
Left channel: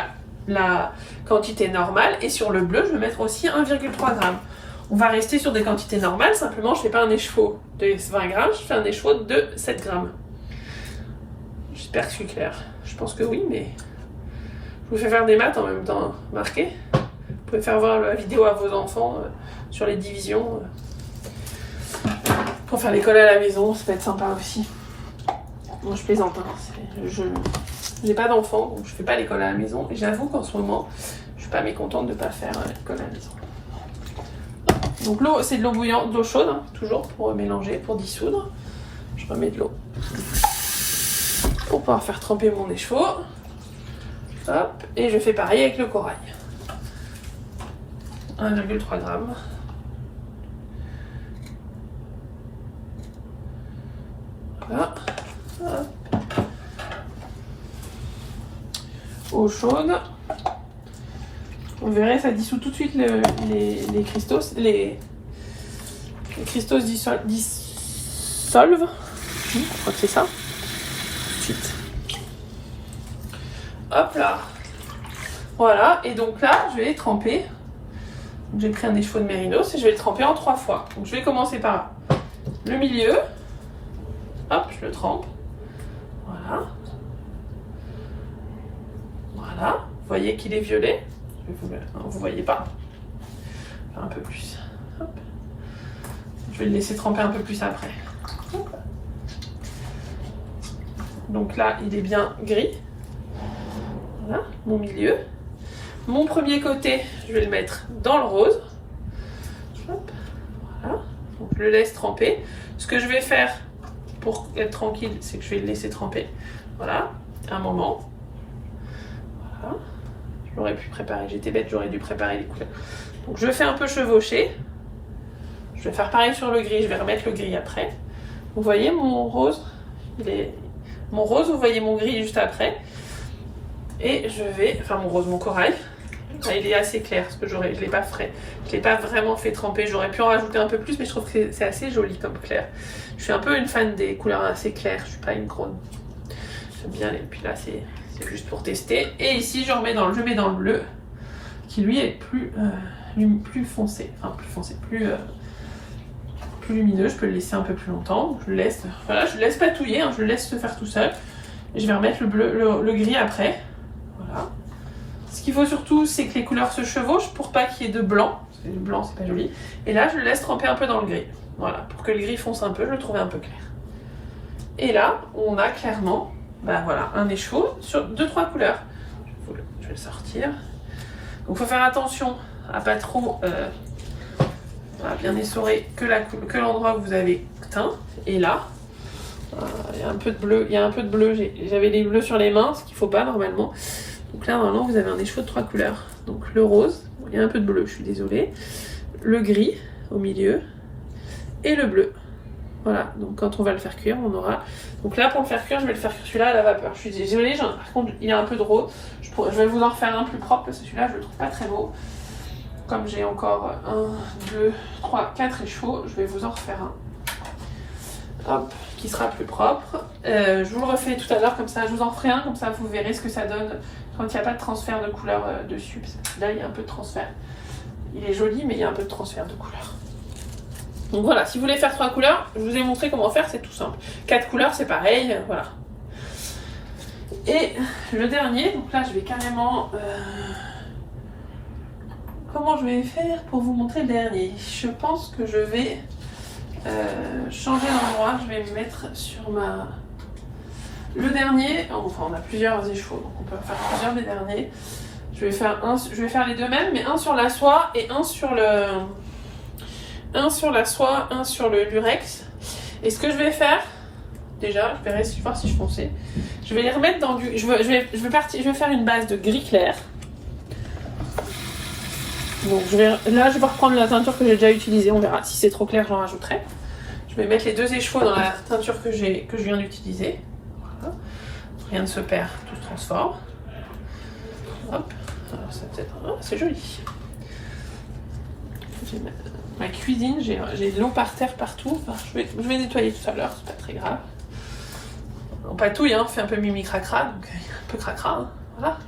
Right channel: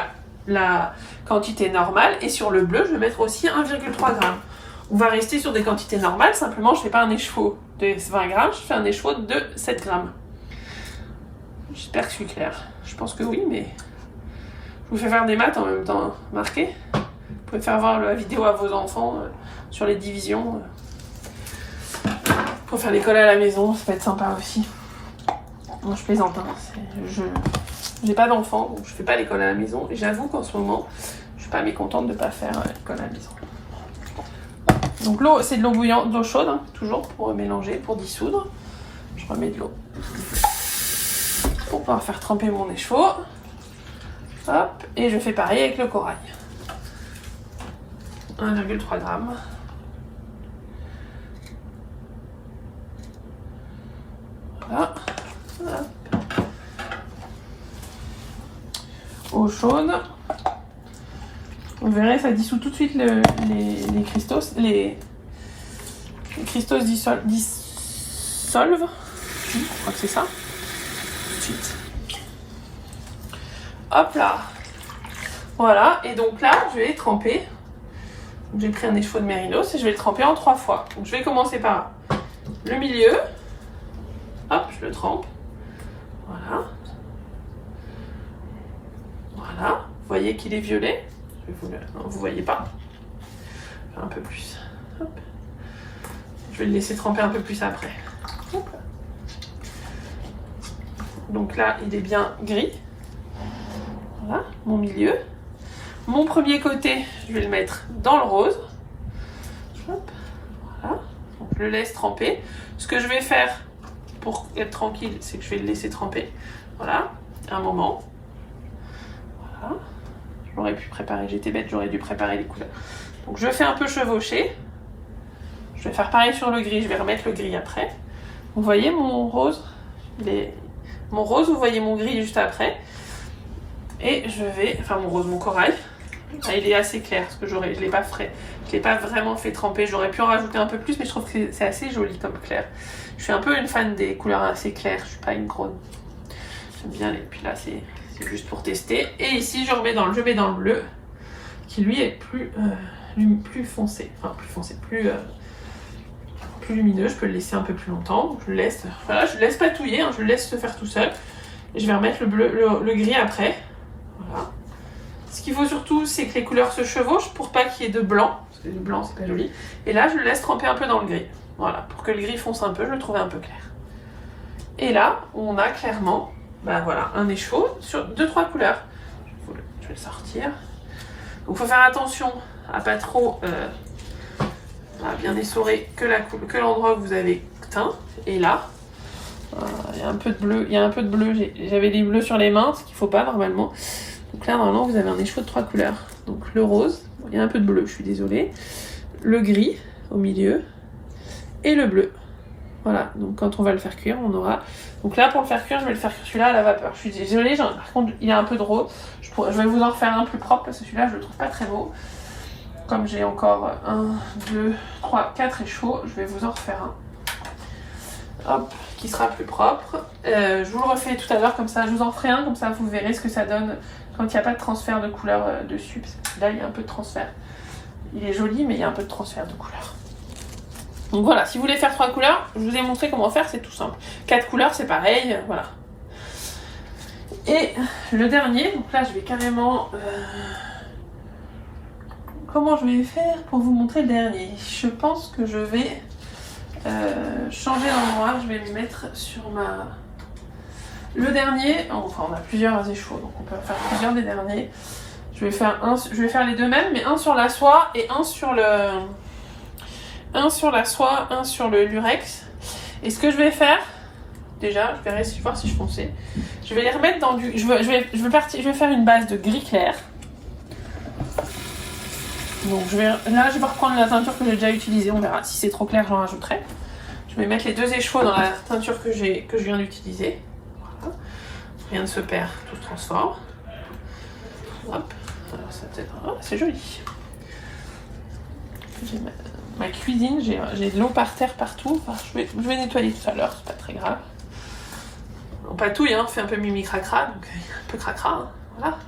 la quantité normale, et sur le bleu, je vais mettre aussi 1,3 g. On va rester sur des quantités normales, simplement je ne fais pas un écheveau de 20 g, je fais un écheveau de 7 g. J'espère que je suis claire. Je pense que oui, mais je vous fais faire des maths en même temps marquées. Vous pouvez faire voir la vidéo à vos enfants sur les divisions. Pour faire l'école à la maison, ça peut être sympa aussi. Bon, je plaisante, hein. Je n'ai pas d'enfant, donc je fais pas l'école à la maison. Et j'avoue qu'en ce moment, je suis pas mécontente de pas faire l'école à la maison. Donc l'eau, c'est de l'eau bouillante, de l'eau chaude, hein, toujours pour mélanger, pour dissoudre. Je remets de l'eau pour pouvoir faire tremper mon écheveau. Hop, et je fais pareil avec le corail. 1,3 g. Voilà. Hop. Eau chaude. Vous verrez, ça dissout tout de suite les cristaux. Les cristaux dissolvent. Je crois que c'est ça. Ensuite. Hop là. Voilà. Et donc là, je vais tremper. J'ai pris un écheveau de mérinos et je vais le tremper en 3 fois. Donc je vais commencer par le milieu. Hop, je le trempe. Voilà. Voilà. Vous voyez qu'il est violet. Vous voyez pas. Faire un peu plus. Hop. Je vais le laisser tremper un peu plus après. Hop. Donc là, il est bien gris. Voilà, mon milieu. Mon premier côté, je vais le mettre dans le rose. Hop. Voilà. Donc je le laisse tremper. Ce que je vais faire pour être tranquille, c'est que je vais le laisser tremper. Voilà, un moment. Voilà. J'aurais pu préparer, j'étais bête, j'aurais dû préparer les couleurs. Donc je fais un peu chevaucher. Je vais faire pareil sur le gris, je vais remettre le gris après. Vous voyez mon rose, mon rose, vous voyez mon gris juste après. Et je vais, enfin mon rose, mon corail. Là, il est assez clair parce que je l'ai pas frais. Je l'ai pas vraiment fait tremper. J'aurais pu en rajouter un peu plus, mais je trouve que c'est assez joli comme clair. Je suis un peu une fan des couleurs assez claires. Je suis pas une grande. J'aime bien. Et puis là, c'est juste pour tester. Et ici, je mets dans le bleu, qui lui est plus foncé. Enfin, plus foncé, plus lumineux. Je peux le laisser un peu plus longtemps. Je le laisse. Voilà, je le laisse patouiller. Hein, je le laisse se faire tout seul. Et je vais remettre le gris après. Voilà. Ce qu'il faut surtout, c'est que les couleurs se chevauchent pour pas qu'il y ait de blanc. Parce que le blanc, c'est pas joli. Et là, je le laisse tremper un peu dans le gris. Voilà, pour que le gris fonce un peu, je le trouve un peu clair. Et là, on a clairement, ben voilà, un écheveau sur 2-3 couleurs. Je vais le sortir. Donc, il faut faire attention à pas trop bien essorer que l'endroit que vous avez teint. Et là, il y a un peu de bleu. J'avais des bleus sur les mains, ce qu'il ne faut pas normalement. Donc là, normalement, vous avez un écheveau de 3 couleurs. Donc le rose, il y a un peu de bleu, je suis désolée. Le gris au milieu et le bleu. Voilà, donc quand on va le faire cuire, on aura... Donc là, pour le faire cuire, je vais le faire cuire celui-là à la vapeur. Je suis désolée, par contre, il a un peu de rose. Je vais vous en refaire un plus propre parce que celui-là, je le trouve pas très beau. Comme j'ai encore 1, 2, 3, 4 échevaux, je vais vous en refaire un. Hop, qui sera plus propre. Je vous le refais tout à l'heure comme ça, je vous en ferai un, comme ça vous verrez ce que ça donne quand il n'y a pas de transfert de couleur dessus. Parce que là, il y a un peu de transfert. Il est joli, mais il y a un peu de transfert de couleur. Donc voilà, si vous voulez faire 3 couleurs, je vous ai montré comment faire, c'est tout simple. 4 couleurs, c'est pareil, voilà. Et le dernier, donc là, je vais carrément... Comment je vais faire pour vous montrer le dernier? Je pense que je vais... changer d'endroit, je vais me mettre sur ma... Le dernier, enfin on a plusieurs échevaux, donc on peut faire plusieurs des derniers. Je vais faire les deux mêmes, mais un sur la soie et un sur le... Un sur la soie, un sur le lurex. Et ce que je vais faire, déjà, je vais voir si je pensais. Je vais les remettre dans du... Je vais faire une base de gris clair. Donc là, je vais reprendre la teinture que j'ai déjà utilisée, on verra. Si c'est trop clair, j'en rajouterai. Je vais mettre les 2 échevaux dans la teinture que je viens d'utiliser. Voilà. Rien ne se perd, tout se transforme. Hop. Alors c'est joli. J'ai ma cuisine, j'ai de l'eau par terre partout. Enfin, je vais nettoyer tout à l'heure, c'est pas très grave. On patouille, hein, on fait un peu mimi cracra, donc un peu cracra. Hein. Voilà.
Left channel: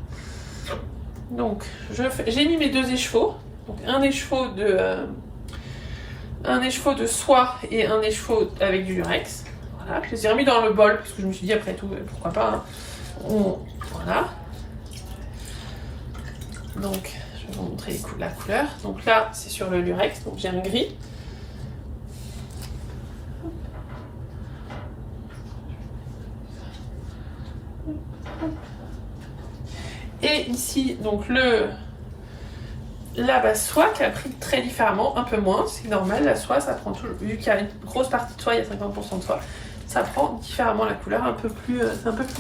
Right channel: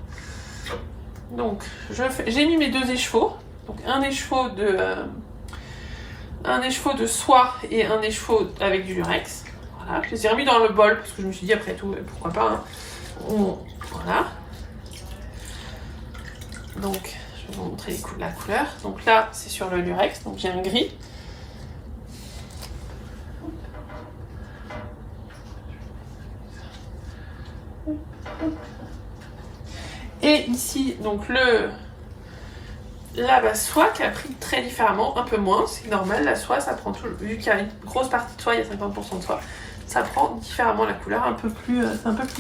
Donc j'ai mis mes 2 échevaux. Donc un écheveau de soie et un écheveau avec du lurex. Voilà, je les ai remis dans le bol parce que je me suis dit après tout, pourquoi pas. Hein. Voilà. Donc je vais vous montrer la couleur. Donc là c'est sur le lurex, donc j'ai un gris. Hop. Et ici, donc la base soie qui a pris très différemment, un peu moins, c'est normal, la soie ça prend toujours, vu qu'il y a une grosse partie de soie, il y a 50% de soie, ça prend différemment la couleur, un peu plus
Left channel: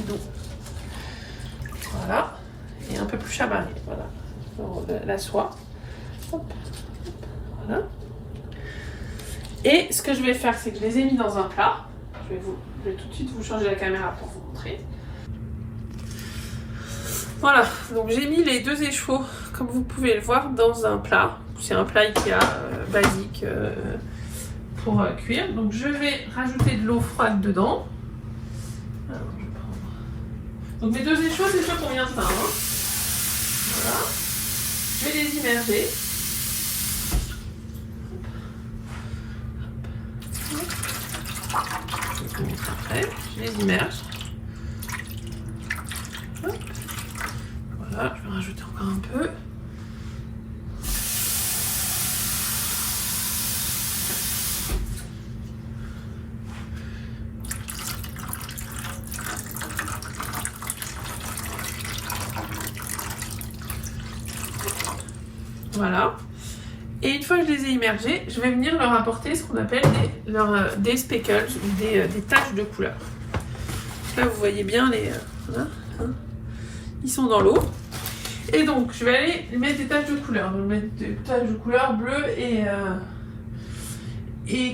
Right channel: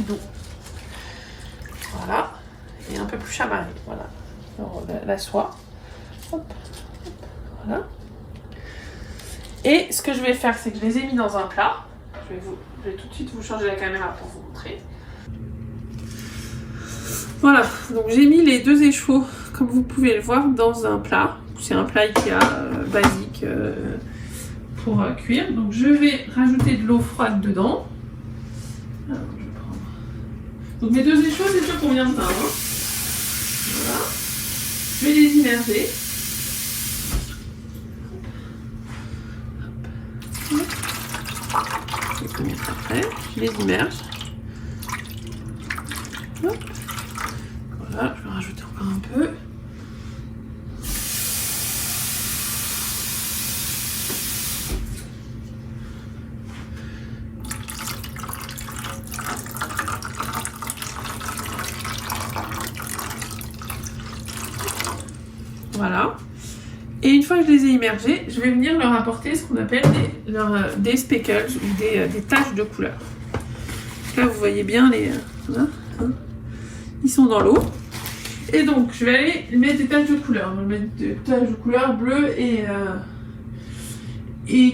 doux. Voilà, et un peu plus chamarré, voilà. Donc, la soie. Hop, hop, voilà. Et ce que je vais faire, c'est que je les ai mis dans un plat. Je vais tout de suite vous changer la caméra pour vous montrer. Voilà, donc j'ai mis les 2 échevaux, comme vous pouvez le voir, dans un plat. C'est un plat Ikea basique pour cuire. Donc je vais rajouter de l'eau froide dedans. Alors, je vais prendre... Donc mes 2 échevaux, c'est ceux qu'on vient de teindre. Voilà. Je vais les immerger. Je vais les mettre après. Je les immerge. Hop. Voilà, je vais rajouter encore un peu. Voilà. Et une fois que je les ai immergés, je vais venir leur apporter ce qu'on appelle des speckles ou des taches de couleur. Là, vous voyez bien les... voilà, hein, ils sont dans l'eau. Et donc, je vais aller mettre des taches de couleur. Je vais mettre des taches de couleur bleu et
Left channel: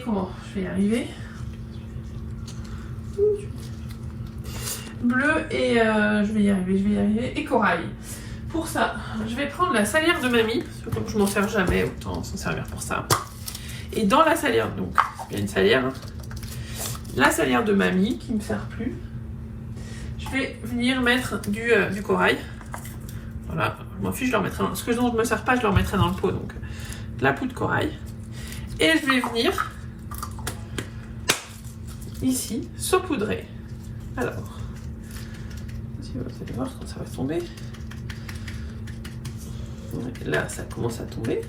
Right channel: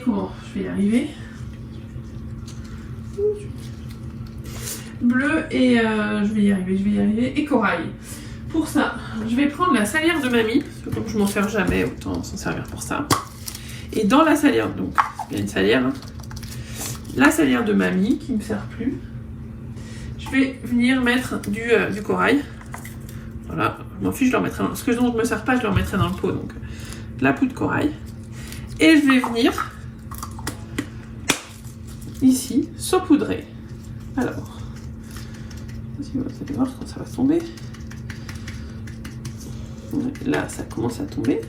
comment? Je vais y arriver. Bleu et je vais y arriver. Et corail. Pour ça, je vais prendre la salière de mamie. Donc, je m'en sers jamais, autant s'en servir pour ça. Et dans la salière, donc, il y a une salière, hein, la salière de mamie qui ne me sert plus. Je vais venir mettre du corail. Voilà, je m'en fiche, je leur mettrai dans... Ce que je ne me sers pas, je leur mettrai dans le pot. Donc, de la poudre de corail. Et je vais venir ici saupoudrer. Alors, vous allez voir quand ça va tomber. Là, ça commence à tomber.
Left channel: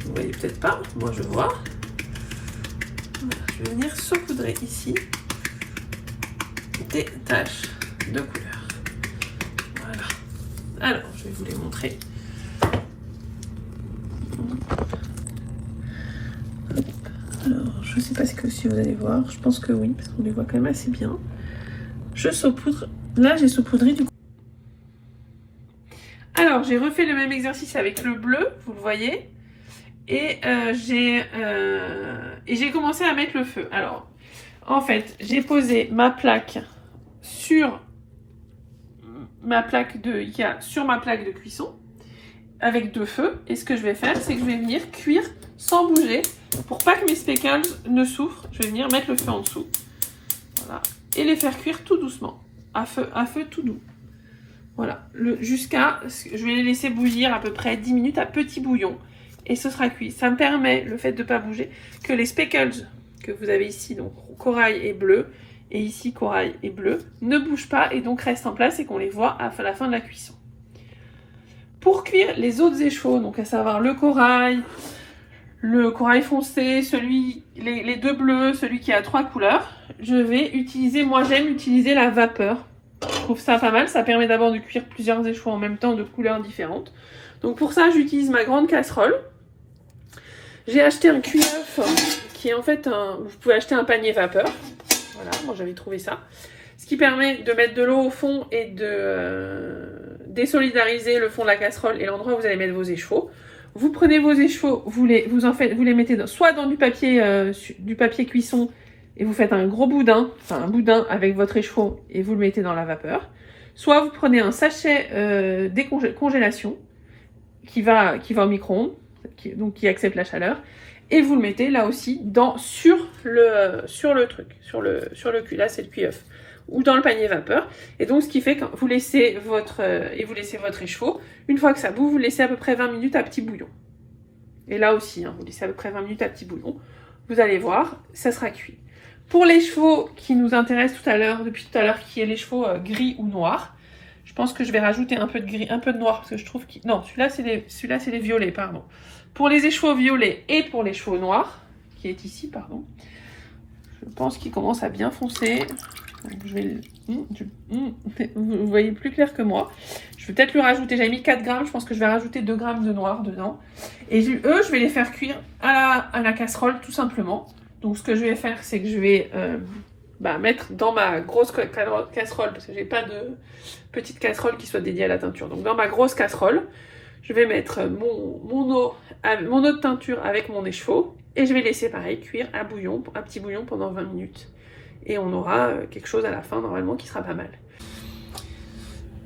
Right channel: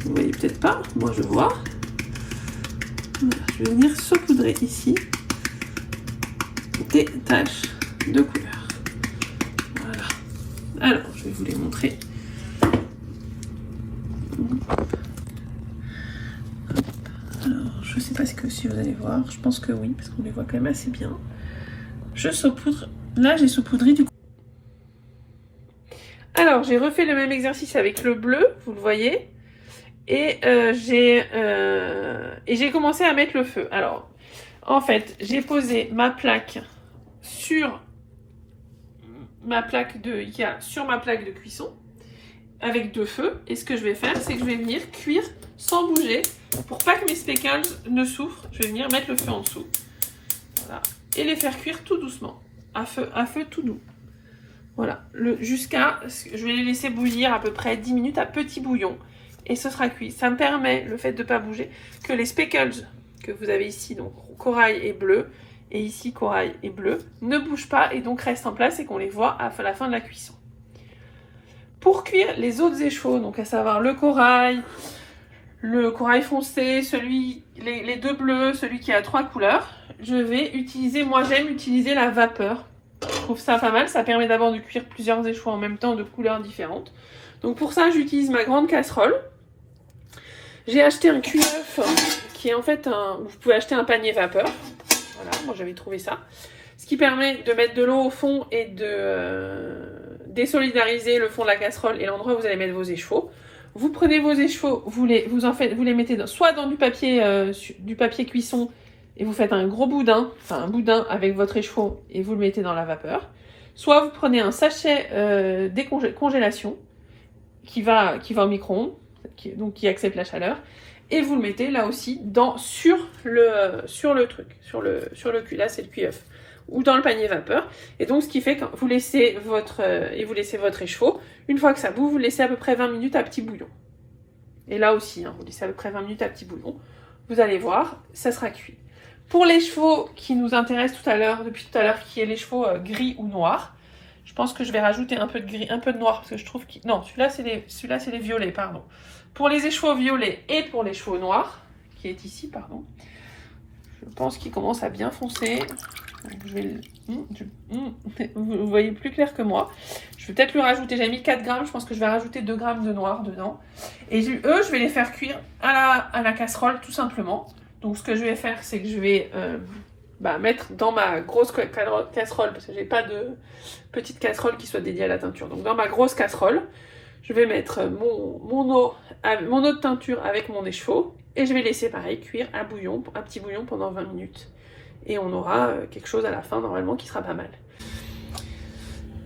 Vous voyez peut-être pas, moi je vois. Voilà, je vais venir saupoudrer ici des taches de couleur. Voilà. Alors, je vais vous les montrer. Alors, je ne sais pas si vous allez voir. Je pense que oui, parce qu'on les voit quand même assez bien. Je saupoudre. Là, j'ai saupoudré du coup. Alors, j'ai refait le même exercice avec le bleu, vous le voyez. Et j'ai commencé à mettre le feu. Alors, en fait, j'ai posé ma plaque sur ma plaque de cuisson avec 2 feux. Et ce que je vais faire, c'est que je vais venir cuire sans bouger. Pour pas que mes speckles ne souffrent, je vais venir mettre le feu en dessous. Voilà. Et les faire cuire tout doucement, à feu tout doux. Voilà, jusqu'à... Je vais les laisser bouillir à peu près 10 minutes à petit bouillon. Et ce sera cuit. Ça me permet, le fait de ne pas bouger, que les speckles que vous avez ici, donc corail et bleu, et ici corail et bleu, ne bougent pas et donc restent en place et qu'on les voit à la fin de la cuisson. Pour cuire les autres échevaux, donc à savoir le corail foncé, les 2 bleus, celui qui a 3 couleurs, je vais utiliser, moi j'aime utiliser la vapeur. Je trouve ça pas mal, ça permet d'abord de cuire plusieurs échevaux en même temps de couleurs différentes. Donc pour ça, j'utilise ma grande casserole. J'ai acheté un cuit-œuf qui est en fait vous pouvez acheter un panier vapeur. Voilà, moi j'avais trouvé ça. Ce qui permet de mettre de l'eau au fond et de désolidariser le fond de la casserole et l'endroit où vous allez mettre vos échevaux. Vous prenez vos échevaux, vous les mettez soit dans du papier cuisson et vous faites un gros boudin, enfin un boudin avec votre écheveau et vous le mettez dans la vapeur. Soit vous prenez un sachet congélation qui va au micro-ondes, qui accepte la chaleur, et vous le mettez là aussi sur le cuit, là c'est le cuit-œuf, ou dans le panier vapeur. Et donc ce qui fait que vous laissez votre écheveau, une fois que ça bout, vous le laissez à peu près 20 minutes à petit bouillon. Et là aussi, vous laissez à peu près 20 minutes à petit bouillon. Vous allez voir, ça sera cuit. Pour les chevaux qui nous intéressent depuis tout à l'heure, qui est les chevaux gris ou noirs, je pense que je vais rajouter un peu de gris, un peu de noir, parce que je trouve que... Non, celui-là, c'est les violets, pardon. Pour les écheveaux violets et pour les chevaux noirs, qui est ici, pardon, je pense qu'il commence à bien foncer. Donc, je vais vous voyez plus clair que moi. Je vais peut-être lui rajouter, j'avais mis 4 grammes, je pense que je vais rajouter 2 grammes de noir dedans. Et eux, je vais les faire cuire à la casserole tout simplement. Donc ce que je vais faire, c'est que je vais mettre dans ma grosse casserole, parce que j'ai pas de petite casserole qui soit dédiée à la teinture. Donc dans ma grosse casserole, je vais mettre mon eau de teinture avec mon écheveau. Et je vais laisser pareil cuire un petit bouillon pendant 20 minutes. Et on aura quelque chose à la fin normalement qui sera pas mal.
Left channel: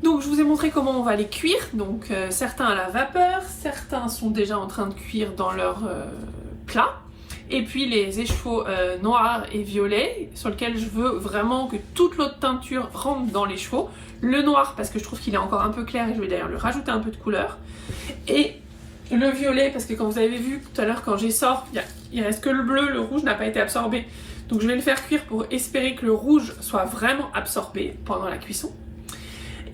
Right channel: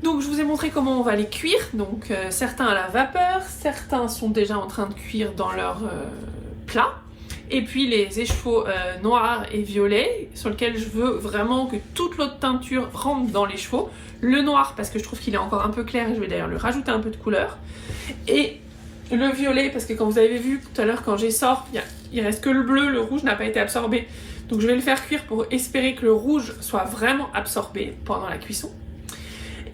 Donc je vous ai montré comment on va les cuire. Donc certains à la vapeur, certains sont déjà en train de cuire dans leur plat. Et puis les échevaux noirs et violets sur lesquels je veux vraiment que toute l'eau de teinture rentre dans l'écheveau. Le noir parce que je trouve qu'il est encore un peu clair et je vais d'ailleurs lui rajouter un peu de couleur. Et le violet parce que comme vous avez vu tout à l'heure quand j'essore, il reste que le bleu, le rouge n'a pas été absorbé. Donc je vais le faire cuire pour espérer que le rouge soit vraiment absorbé pendant la cuisson.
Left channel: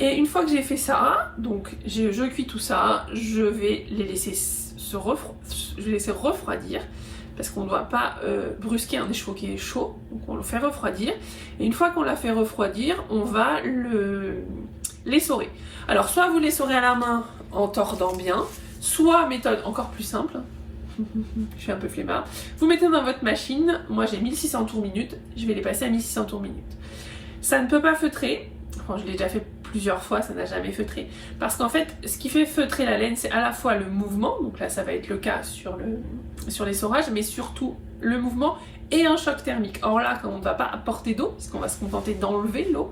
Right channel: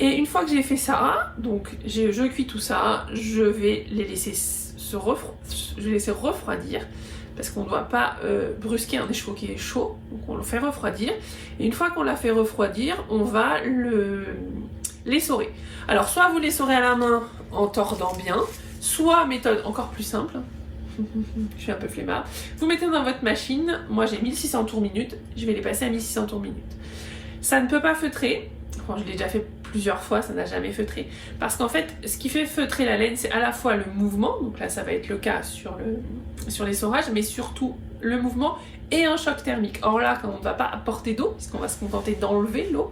Et une fois que j'ai fait ça, donc je cuis tout ça, je vais les laisser refroidir parce qu'on ne doit pas brusquer un écheveau qui est chaud, donc on le fait refroidir. Et une fois qu'on l'a fait refroidir, on va l'essorer. Alors soit vous l'essorez à la main en tordant bien, soit méthode encore plus simple, je suis un peu flemmard, vous mettez dans votre machine, moi j'ai 1600 tours minute, je vais les passer à 1600 tours minute. Ça ne peut pas feutrer, enfin je l'ai déjà fait plusieurs fois, ça n'a jamais feutré, parce qu'en fait ce qui fait feutrer la laine c'est à la fois le mouvement, donc là ça va être le cas sur l'essorage, mais surtout le mouvement et un choc thermique. Or là quand on ne va pas apporter d'eau, parce qu'on va se contenter d'enlever l'eau,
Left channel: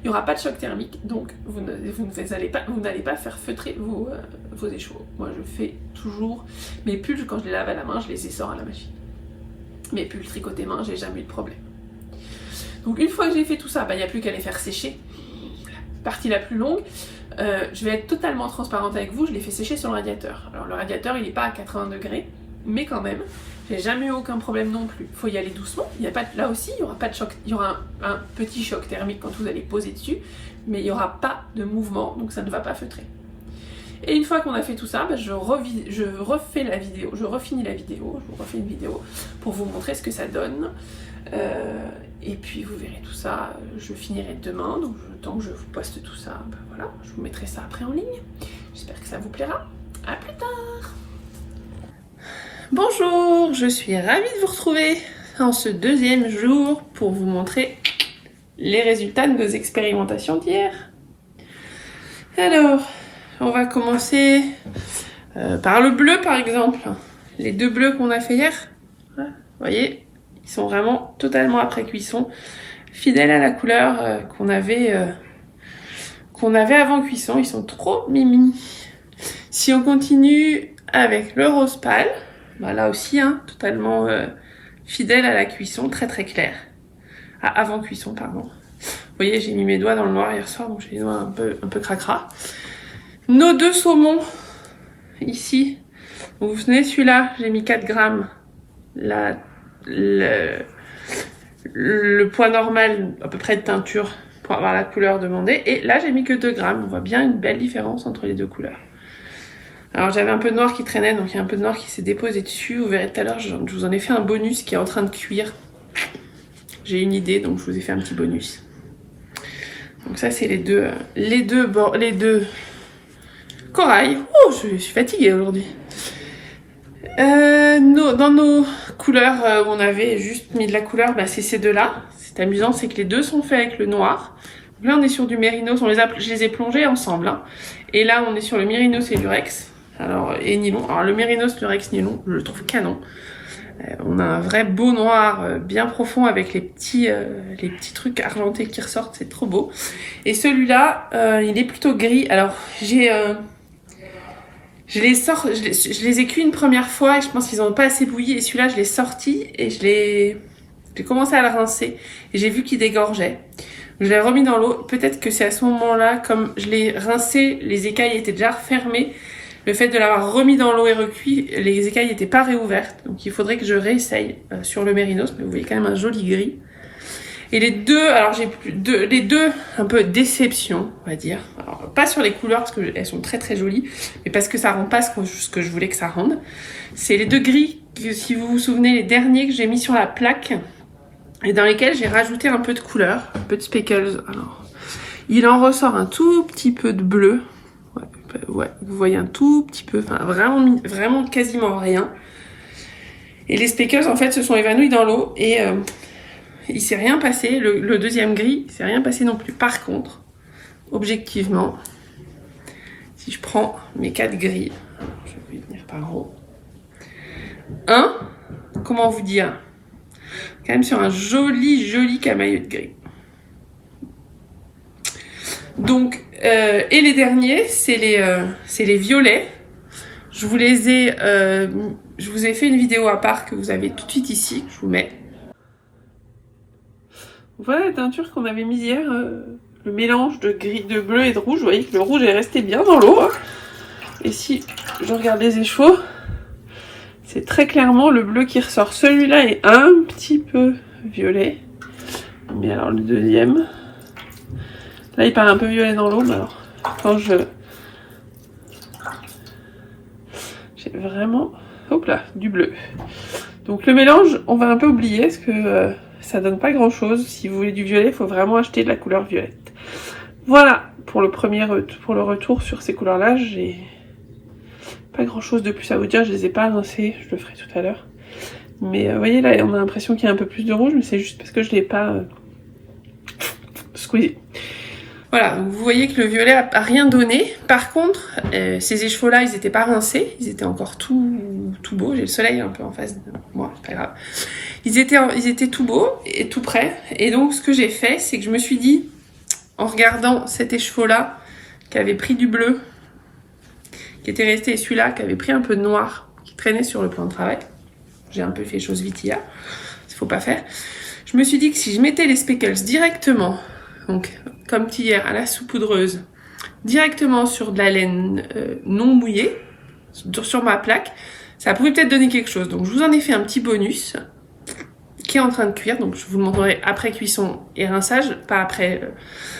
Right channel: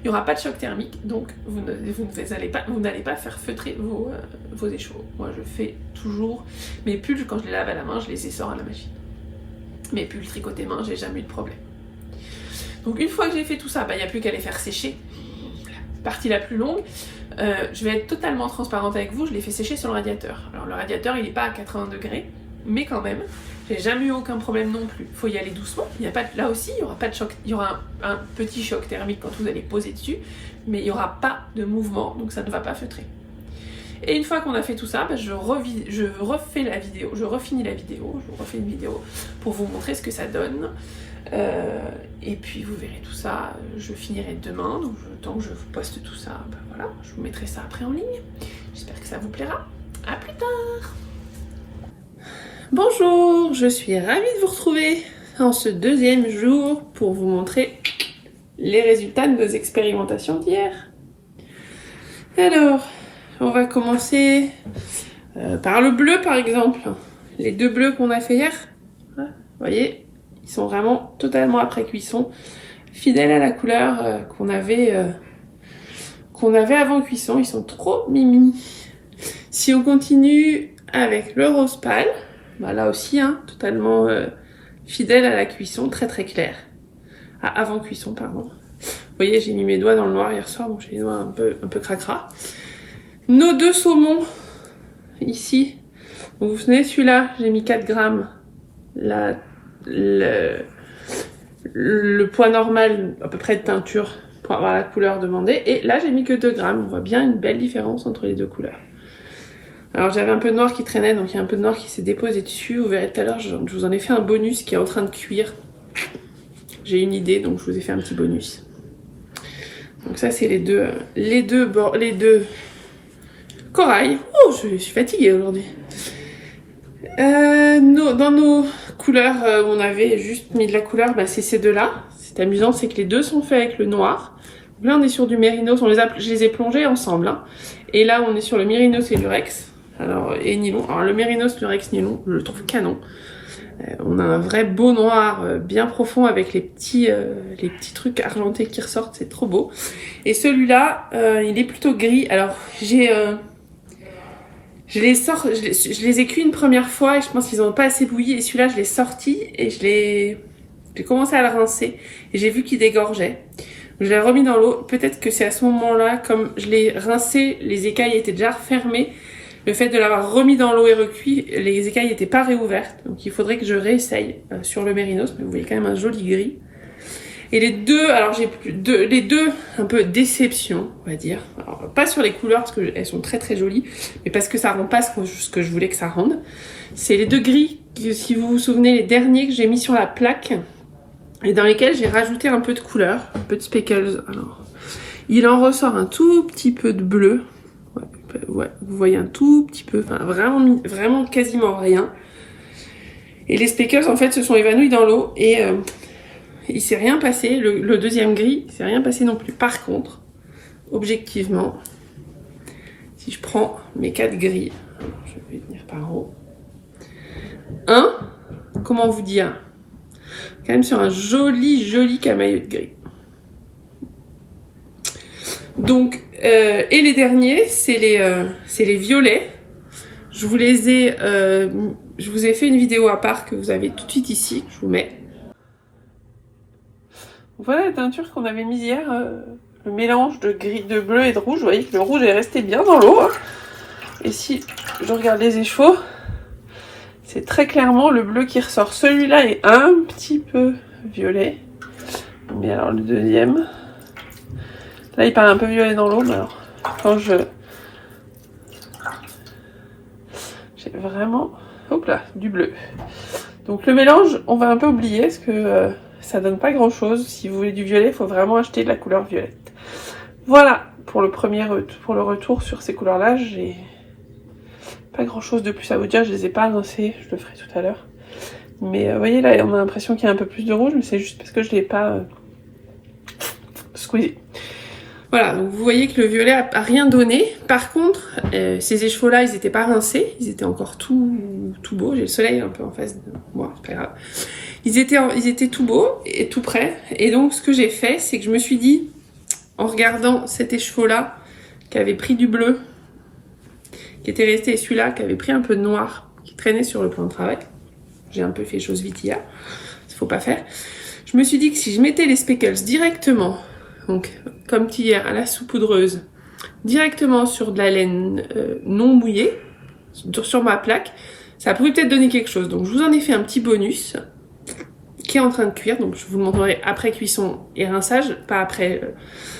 il n'y aura pas de choc thermique, donc vous n'allez pas faire feutrer vos écheveaux. Moi je fais toujours mes pulls, quand je les lave à la main, je les essore à la machine. Mes pulls tricotés main, j'ai jamais eu de problème. Donc une fois que j'ai fait tout ça, il n'y a plus qu'à les faire sécher. Partie la plus longue, je vais être totalement transparente avec vous, je l'ai fait sécher sur le radiateur. Alors le radiateur il n'est pas à 80 degrés, mais quand même, j'ai jamais eu aucun problème non plus. Il faut y aller doucement, là aussi il n'y aura pas de choc, il y aura un petit choc thermique quand vous allez poser dessus, mais il n'y aura pas de mouvement, donc ça ne va pas feutrer. Et une fois qu'on a fait tout ça, je refais la vidéo, je refinis la vidéo, je vous refais une vidéo pour vous montrer ce que ça donne. Et puis vous verrez tout ça, je finirai demain, donc le temps que je vous poste tout ça, voilà, je vous mettrai ça après en ligne. J'espère que ça vous plaira. À plus tard. Bonjour, je suis ravie de vous retrouver en ce deuxième jour pour vous montrer les résultats de nos expérimentations d'hier. Alors, on va commencer par le bleu par exemple. Les 2 bleus qu'on a fait hier, vous voyez, ils sont vraiment totalement après cuisson, fidèles à la couleur qu'on avait avant cuisson. Ils sont trop mimi. Si on continue avec le rose pâle, là aussi, totalement fidèle à la cuisson, très très clair. Avant cuisson, pardon. Vous voyez, j'ai mis mes doigts dans le noir hier soir, donc j'ai les doigts un peu cracra. Nos 2 saumons, ici. Donc, vous vous souvenez, celui-là, j'ai mis 4 grammes. Le poids normal à peu près de teinture pour avoir la couleur demandée, et là j'ai mis que 2 grammes. On voit bien une belle différence entre les 2 couleurs. Alors j'avais un peu de noir qui traînait, donc il y a un peu de noir qui s'est déposé dessus. Vous verrez tout à l'heure, je vous en ai fait un bonus qui est en train de cuire. J'ai une idée, donc je vous ai fait un petit bonus. Donc ça c'est les deux corail. Oh, je suis fatiguée aujourd'hui. Dans nos couleurs où on avait juste mis de la couleur, c'est ces 2-là. C'est amusant, c'est que les 2 sont faits avec le noir. Donc là on est sur du mérinos, je les ai plongés ensemble. Et là on est sur le mérinos et lurex. Et nylon. Alors le mérinos, lurex, nylon, je le trouve canon. On a un vrai beau noir bien profond avec les petits trucs argentés qui ressortent, c'est trop beau. Et celui-là, il est plutôt gris. Alors je les ai cuits une première fois et je pense qu'ils n'ont pas assez bouilli. Et celui-là, je l'ai sorti et j'ai commencé à le rincer. Et j'ai vu qu'il dégorgeait. Je l'ai remis dans l'eau. Peut-être que c'est à ce moment-là, comme je l'ai rincé, les écailles étaient déjà refermées. Le fait de l'avoir remis dans l'eau et recuit, les écailles n'étaient pas réouvertes. Donc il faudrait que je réessaye sur le mérinos. Mais vous voyez quand même un joli gris. Et les 2, alors j'ai les 2 un peu déception, on va dire. Alors, pas sur les couleurs parce qu'elles sont très très jolies, mais parce que ça rend pas ce que je voulais que ça rende. C'est les 2 gris, si vous vous souvenez, les derniers que j'ai mis sur la plaque. et dans lesquels j'ai rajouté un peu de couleur, un peu de speckles. Alors, il en ressort un tout petit peu de bleu. Ouais, vous voyez un tout petit peu, enfin vraiment quasiment rien. Et les speckles en fait se sont évanouis dans l'eau et il s'est rien passé. Le deuxième gris, il s'est rien passé non plus. Par contre, objectivement, si je prends mes 4 gris, alors je vais venir par en haut. Comment vous dire, quand même sur un joli camailleux de gris. Donc, et les derniers, c'est les violets. Je vous ai fait une vidéo à part que vous avez tout de suite ici, que je vous mets. Voilà la teinture qu'on avait mise hier, le mélange de gris, de bleu et de rouge. Vous voyez que le rouge est resté bien dans l'eau. Hein. Et si je regarde les échevaux, c'est très clairement le bleu qui ressort. Celui-là est un petit peu violet. Mais alors le deuxième, là il paraît un peu violet dans l'eau. Mais alors quand j'ai vraiment, hop là, du bleu. Donc le mélange, on va un peu oublier parce que ça donne pas grand chose. Si vous voulez du violet, il faut vraiment acheter de la couleur violette. Voilà pour le retour sur ces couleurs-là. J'ai pas grand chose de plus à vous dire, je les ai pas rincées, je le ferai tout à l'heure. Mais vous voyez là, on a l'impression qu'il y a un peu plus de rouge, mais c'est juste parce que je l'ai pas squeezé. Voilà, donc vous voyez que le violet a rien donné. Par contre, ces écheveaux-là, ils étaient pas rincés, ils étaient encore tout beaux. J'ai le soleil un peu en face de moi, c'est pas grave. Ils étaient tout beaux et tout prêts. Et donc ce que j'ai fait, c'est que je me suis dit, en regardant cet écheveau-là, qui avait pris du bleu, qui était resté, et celui-là qui avait pris un peu de noir, qui traînait sur le plan de travail. J'ai un peu fait chose vite hier, il faut pas faire. Je me suis dit que si je mettais les speckles directement, donc comme hier à la saupoudreuse, directement sur de la laine non mouillée, sur ma plaque, ça pourrait peut-être donner quelque chose. Donc je vous en ai fait un petit bonus qui est en train de cuire, donc je vous le montrerai après cuisson et rinçage, pas après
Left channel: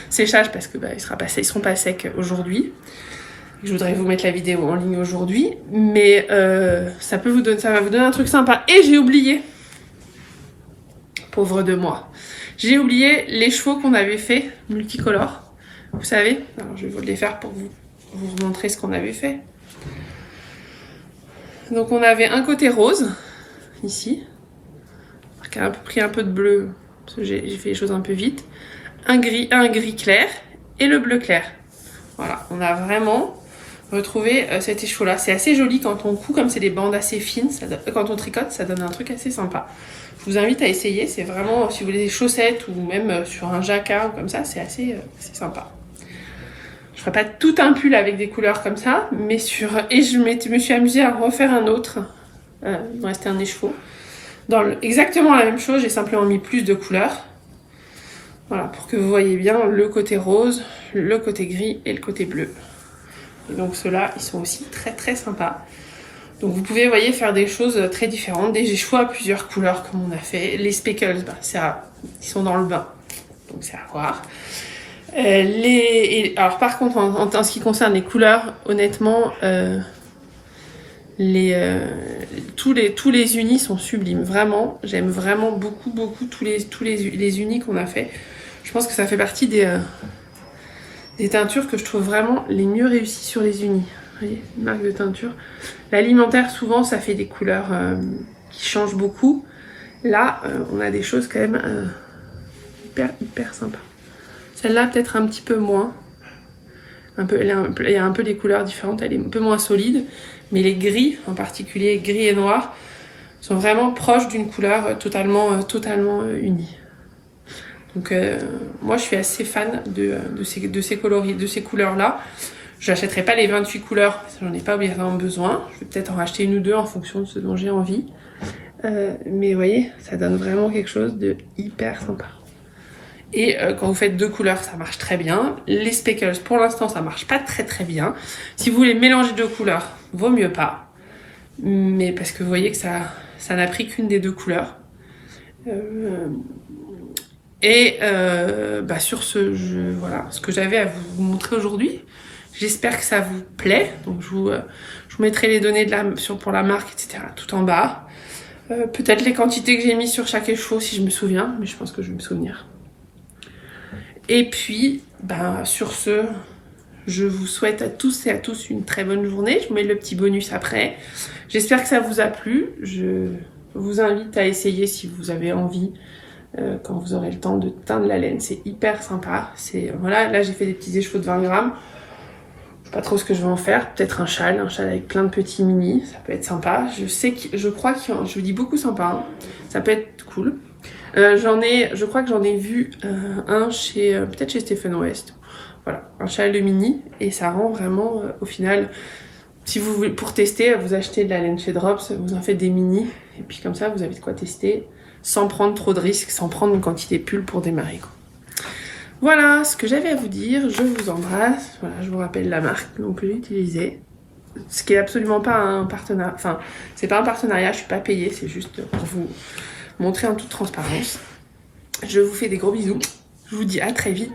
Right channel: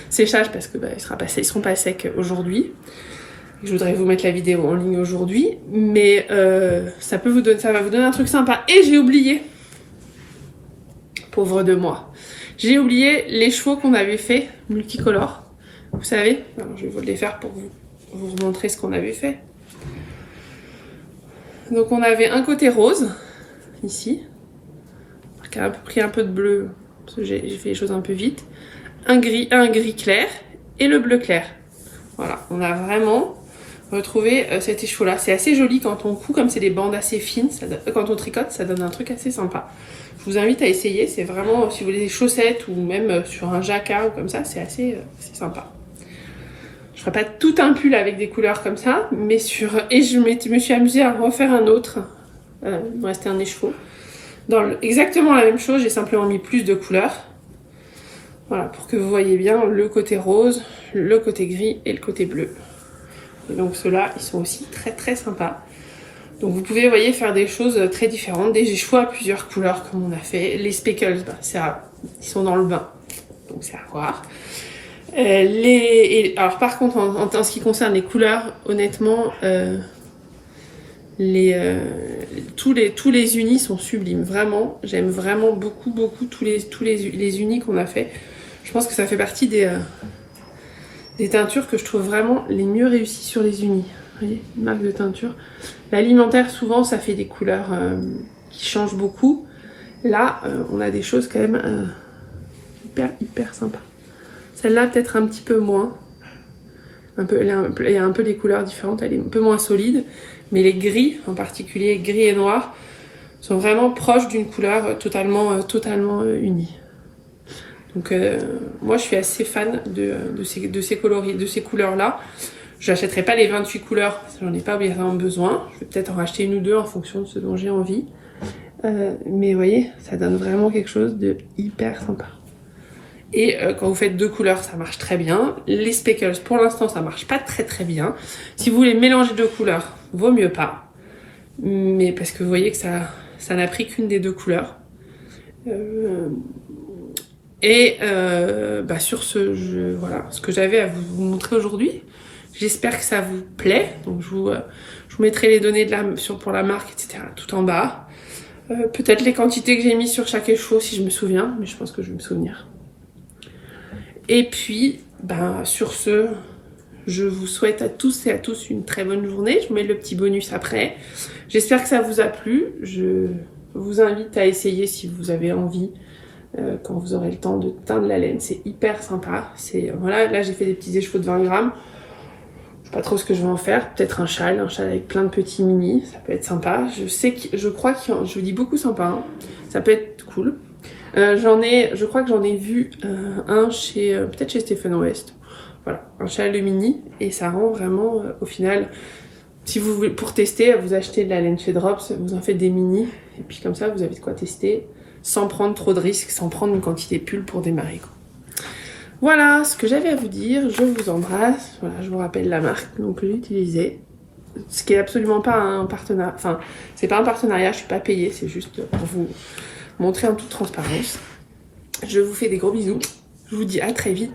séchage parce que ils seront pas secs aujourd'hui. Je voudrais vous mettre la vidéo en ligne aujourd'hui, mais ça va vous donner un truc sympa. Et j'ai oublié, pauvre de moi, j'ai oublié les chevaux qu'on avait fait multicolores. Vous savez, alors je vais vous les faire pour vous montrer ce qu'on avait fait. Donc on avait un côté rose ici, qui a un peu pris un peu de bleu parce que j'ai fait les choses un peu vite. Un gris clair et le bleu clair. Voilà, on a vraiment retrouvé cet écheveau là. C'est assez joli quand on coud, comme c'est des bandes assez fines, quand on tricote, ça donne un truc assez sympa. Je vous invite à essayer, c'est vraiment, si vous voulez des chaussettes ou même sur un jacquard ou comme ça, c'est assez sympa. Je ferai pas tout un pull avec des couleurs comme ça, mais et je me suis amusée à refaire un autre. Il me restait un écheveau. Exactement la même chose, j'ai simplement mis plus de couleurs. Voilà, pour que vous voyez bien le côté rose, le côté gris et le côté bleu. Et donc ceux-là, ils sont aussi très très sympas. Donc vous pouvez, vous voyez, faire des choses très différentes. Des écheveaux à plusieurs couleurs comme on a fait. Les speckles, ils sont dans le bain, donc c'est à voir. Alors par contre, en ce qui concerne les couleurs, honnêtement, tous les unis sont sublimes. Vraiment, j'aime vraiment beaucoup tous les unis qu'on a fait. Je pense que ça fait partie des teintures que je trouve vraiment les mieux réussies sur les unis. Vous voyez, une marque de teinture. L'alimentaire, souvent, ça fait des couleurs qui changent beaucoup. Là, on a des choses quand même hyper sympas. Celle-là, peut-être un petit peu moins. Il y a un peu des couleurs différentes, elle est un peu moins solide. Mais les gris, en particulier gris et noir, sont vraiment proches d'une couleur totalement unie. Donc moi je suis assez fan de ces couleurs-là. Je n'achèterai pas les 28 couleurs, parce que j'en ai pas obligatoirement besoin. Je vais peut-être en racheter une ou deux en fonction de ce dont j'ai envie. Mais vous voyez, ça donne vraiment quelque chose de hyper sympa. Et quand vous faites 2 couleurs, ça marche très bien. Les speckles, pour l'instant, ça marche pas très bien. Si vous voulez mélanger 2 couleurs, vaut mieux pas. Mais parce que vous voyez que ça n'a pris qu'une des 2 couleurs. Sur ce, voilà ce que j'avais à vous montrer aujourd'hui. J'espère que ça vous plaît. Donc je vous mettrai les données pour la marque, etc. tout en bas. Peut-être les quantités que j'ai mis sur chaque écheveau si je me souviens, mais je pense que je vais me souvenir. Et puis, sur ce, je vous souhaite à tous et à tous une très bonne journée. Je vous mets le petit bonus après. J'espère que ça vous a plu. Je vous invite à essayer si vous avez envie, quand vous aurez le temps, de teindre la laine. C'est hyper sympa. Voilà, là j'ai fait des petits écheveaux de 20 grammes. Je sais pas trop ce que je vais en faire. Peut-être un châle avec plein de petits mini. Ça peut être sympa. Je crois que je vous dis beaucoup sympa. Hein. Ça peut être cool. Je crois que j'en ai vu un peut-être chez Stephen West. Voilà, un châle de mini et ça rend vraiment au final, si vous voulez, pour tester, vous achetez de la laine chez Drops, vous en faites des mini et puis comme ça vous avez de quoi tester sans prendre trop de risques, sans prendre une quantité pull pour démarrer quoi. Voilà ce que j'avais à vous dire, je vous embrasse. Voilà, je vous rappelle la marque donc que j'ai utilisée, ce qui est absolument pas un partenariat, enfin c'est pas un partenariat, je suis pas payée, c'est juste pour vous montrer en toute transparence. Je vous fais des gros bisous, je vous dis à très vite.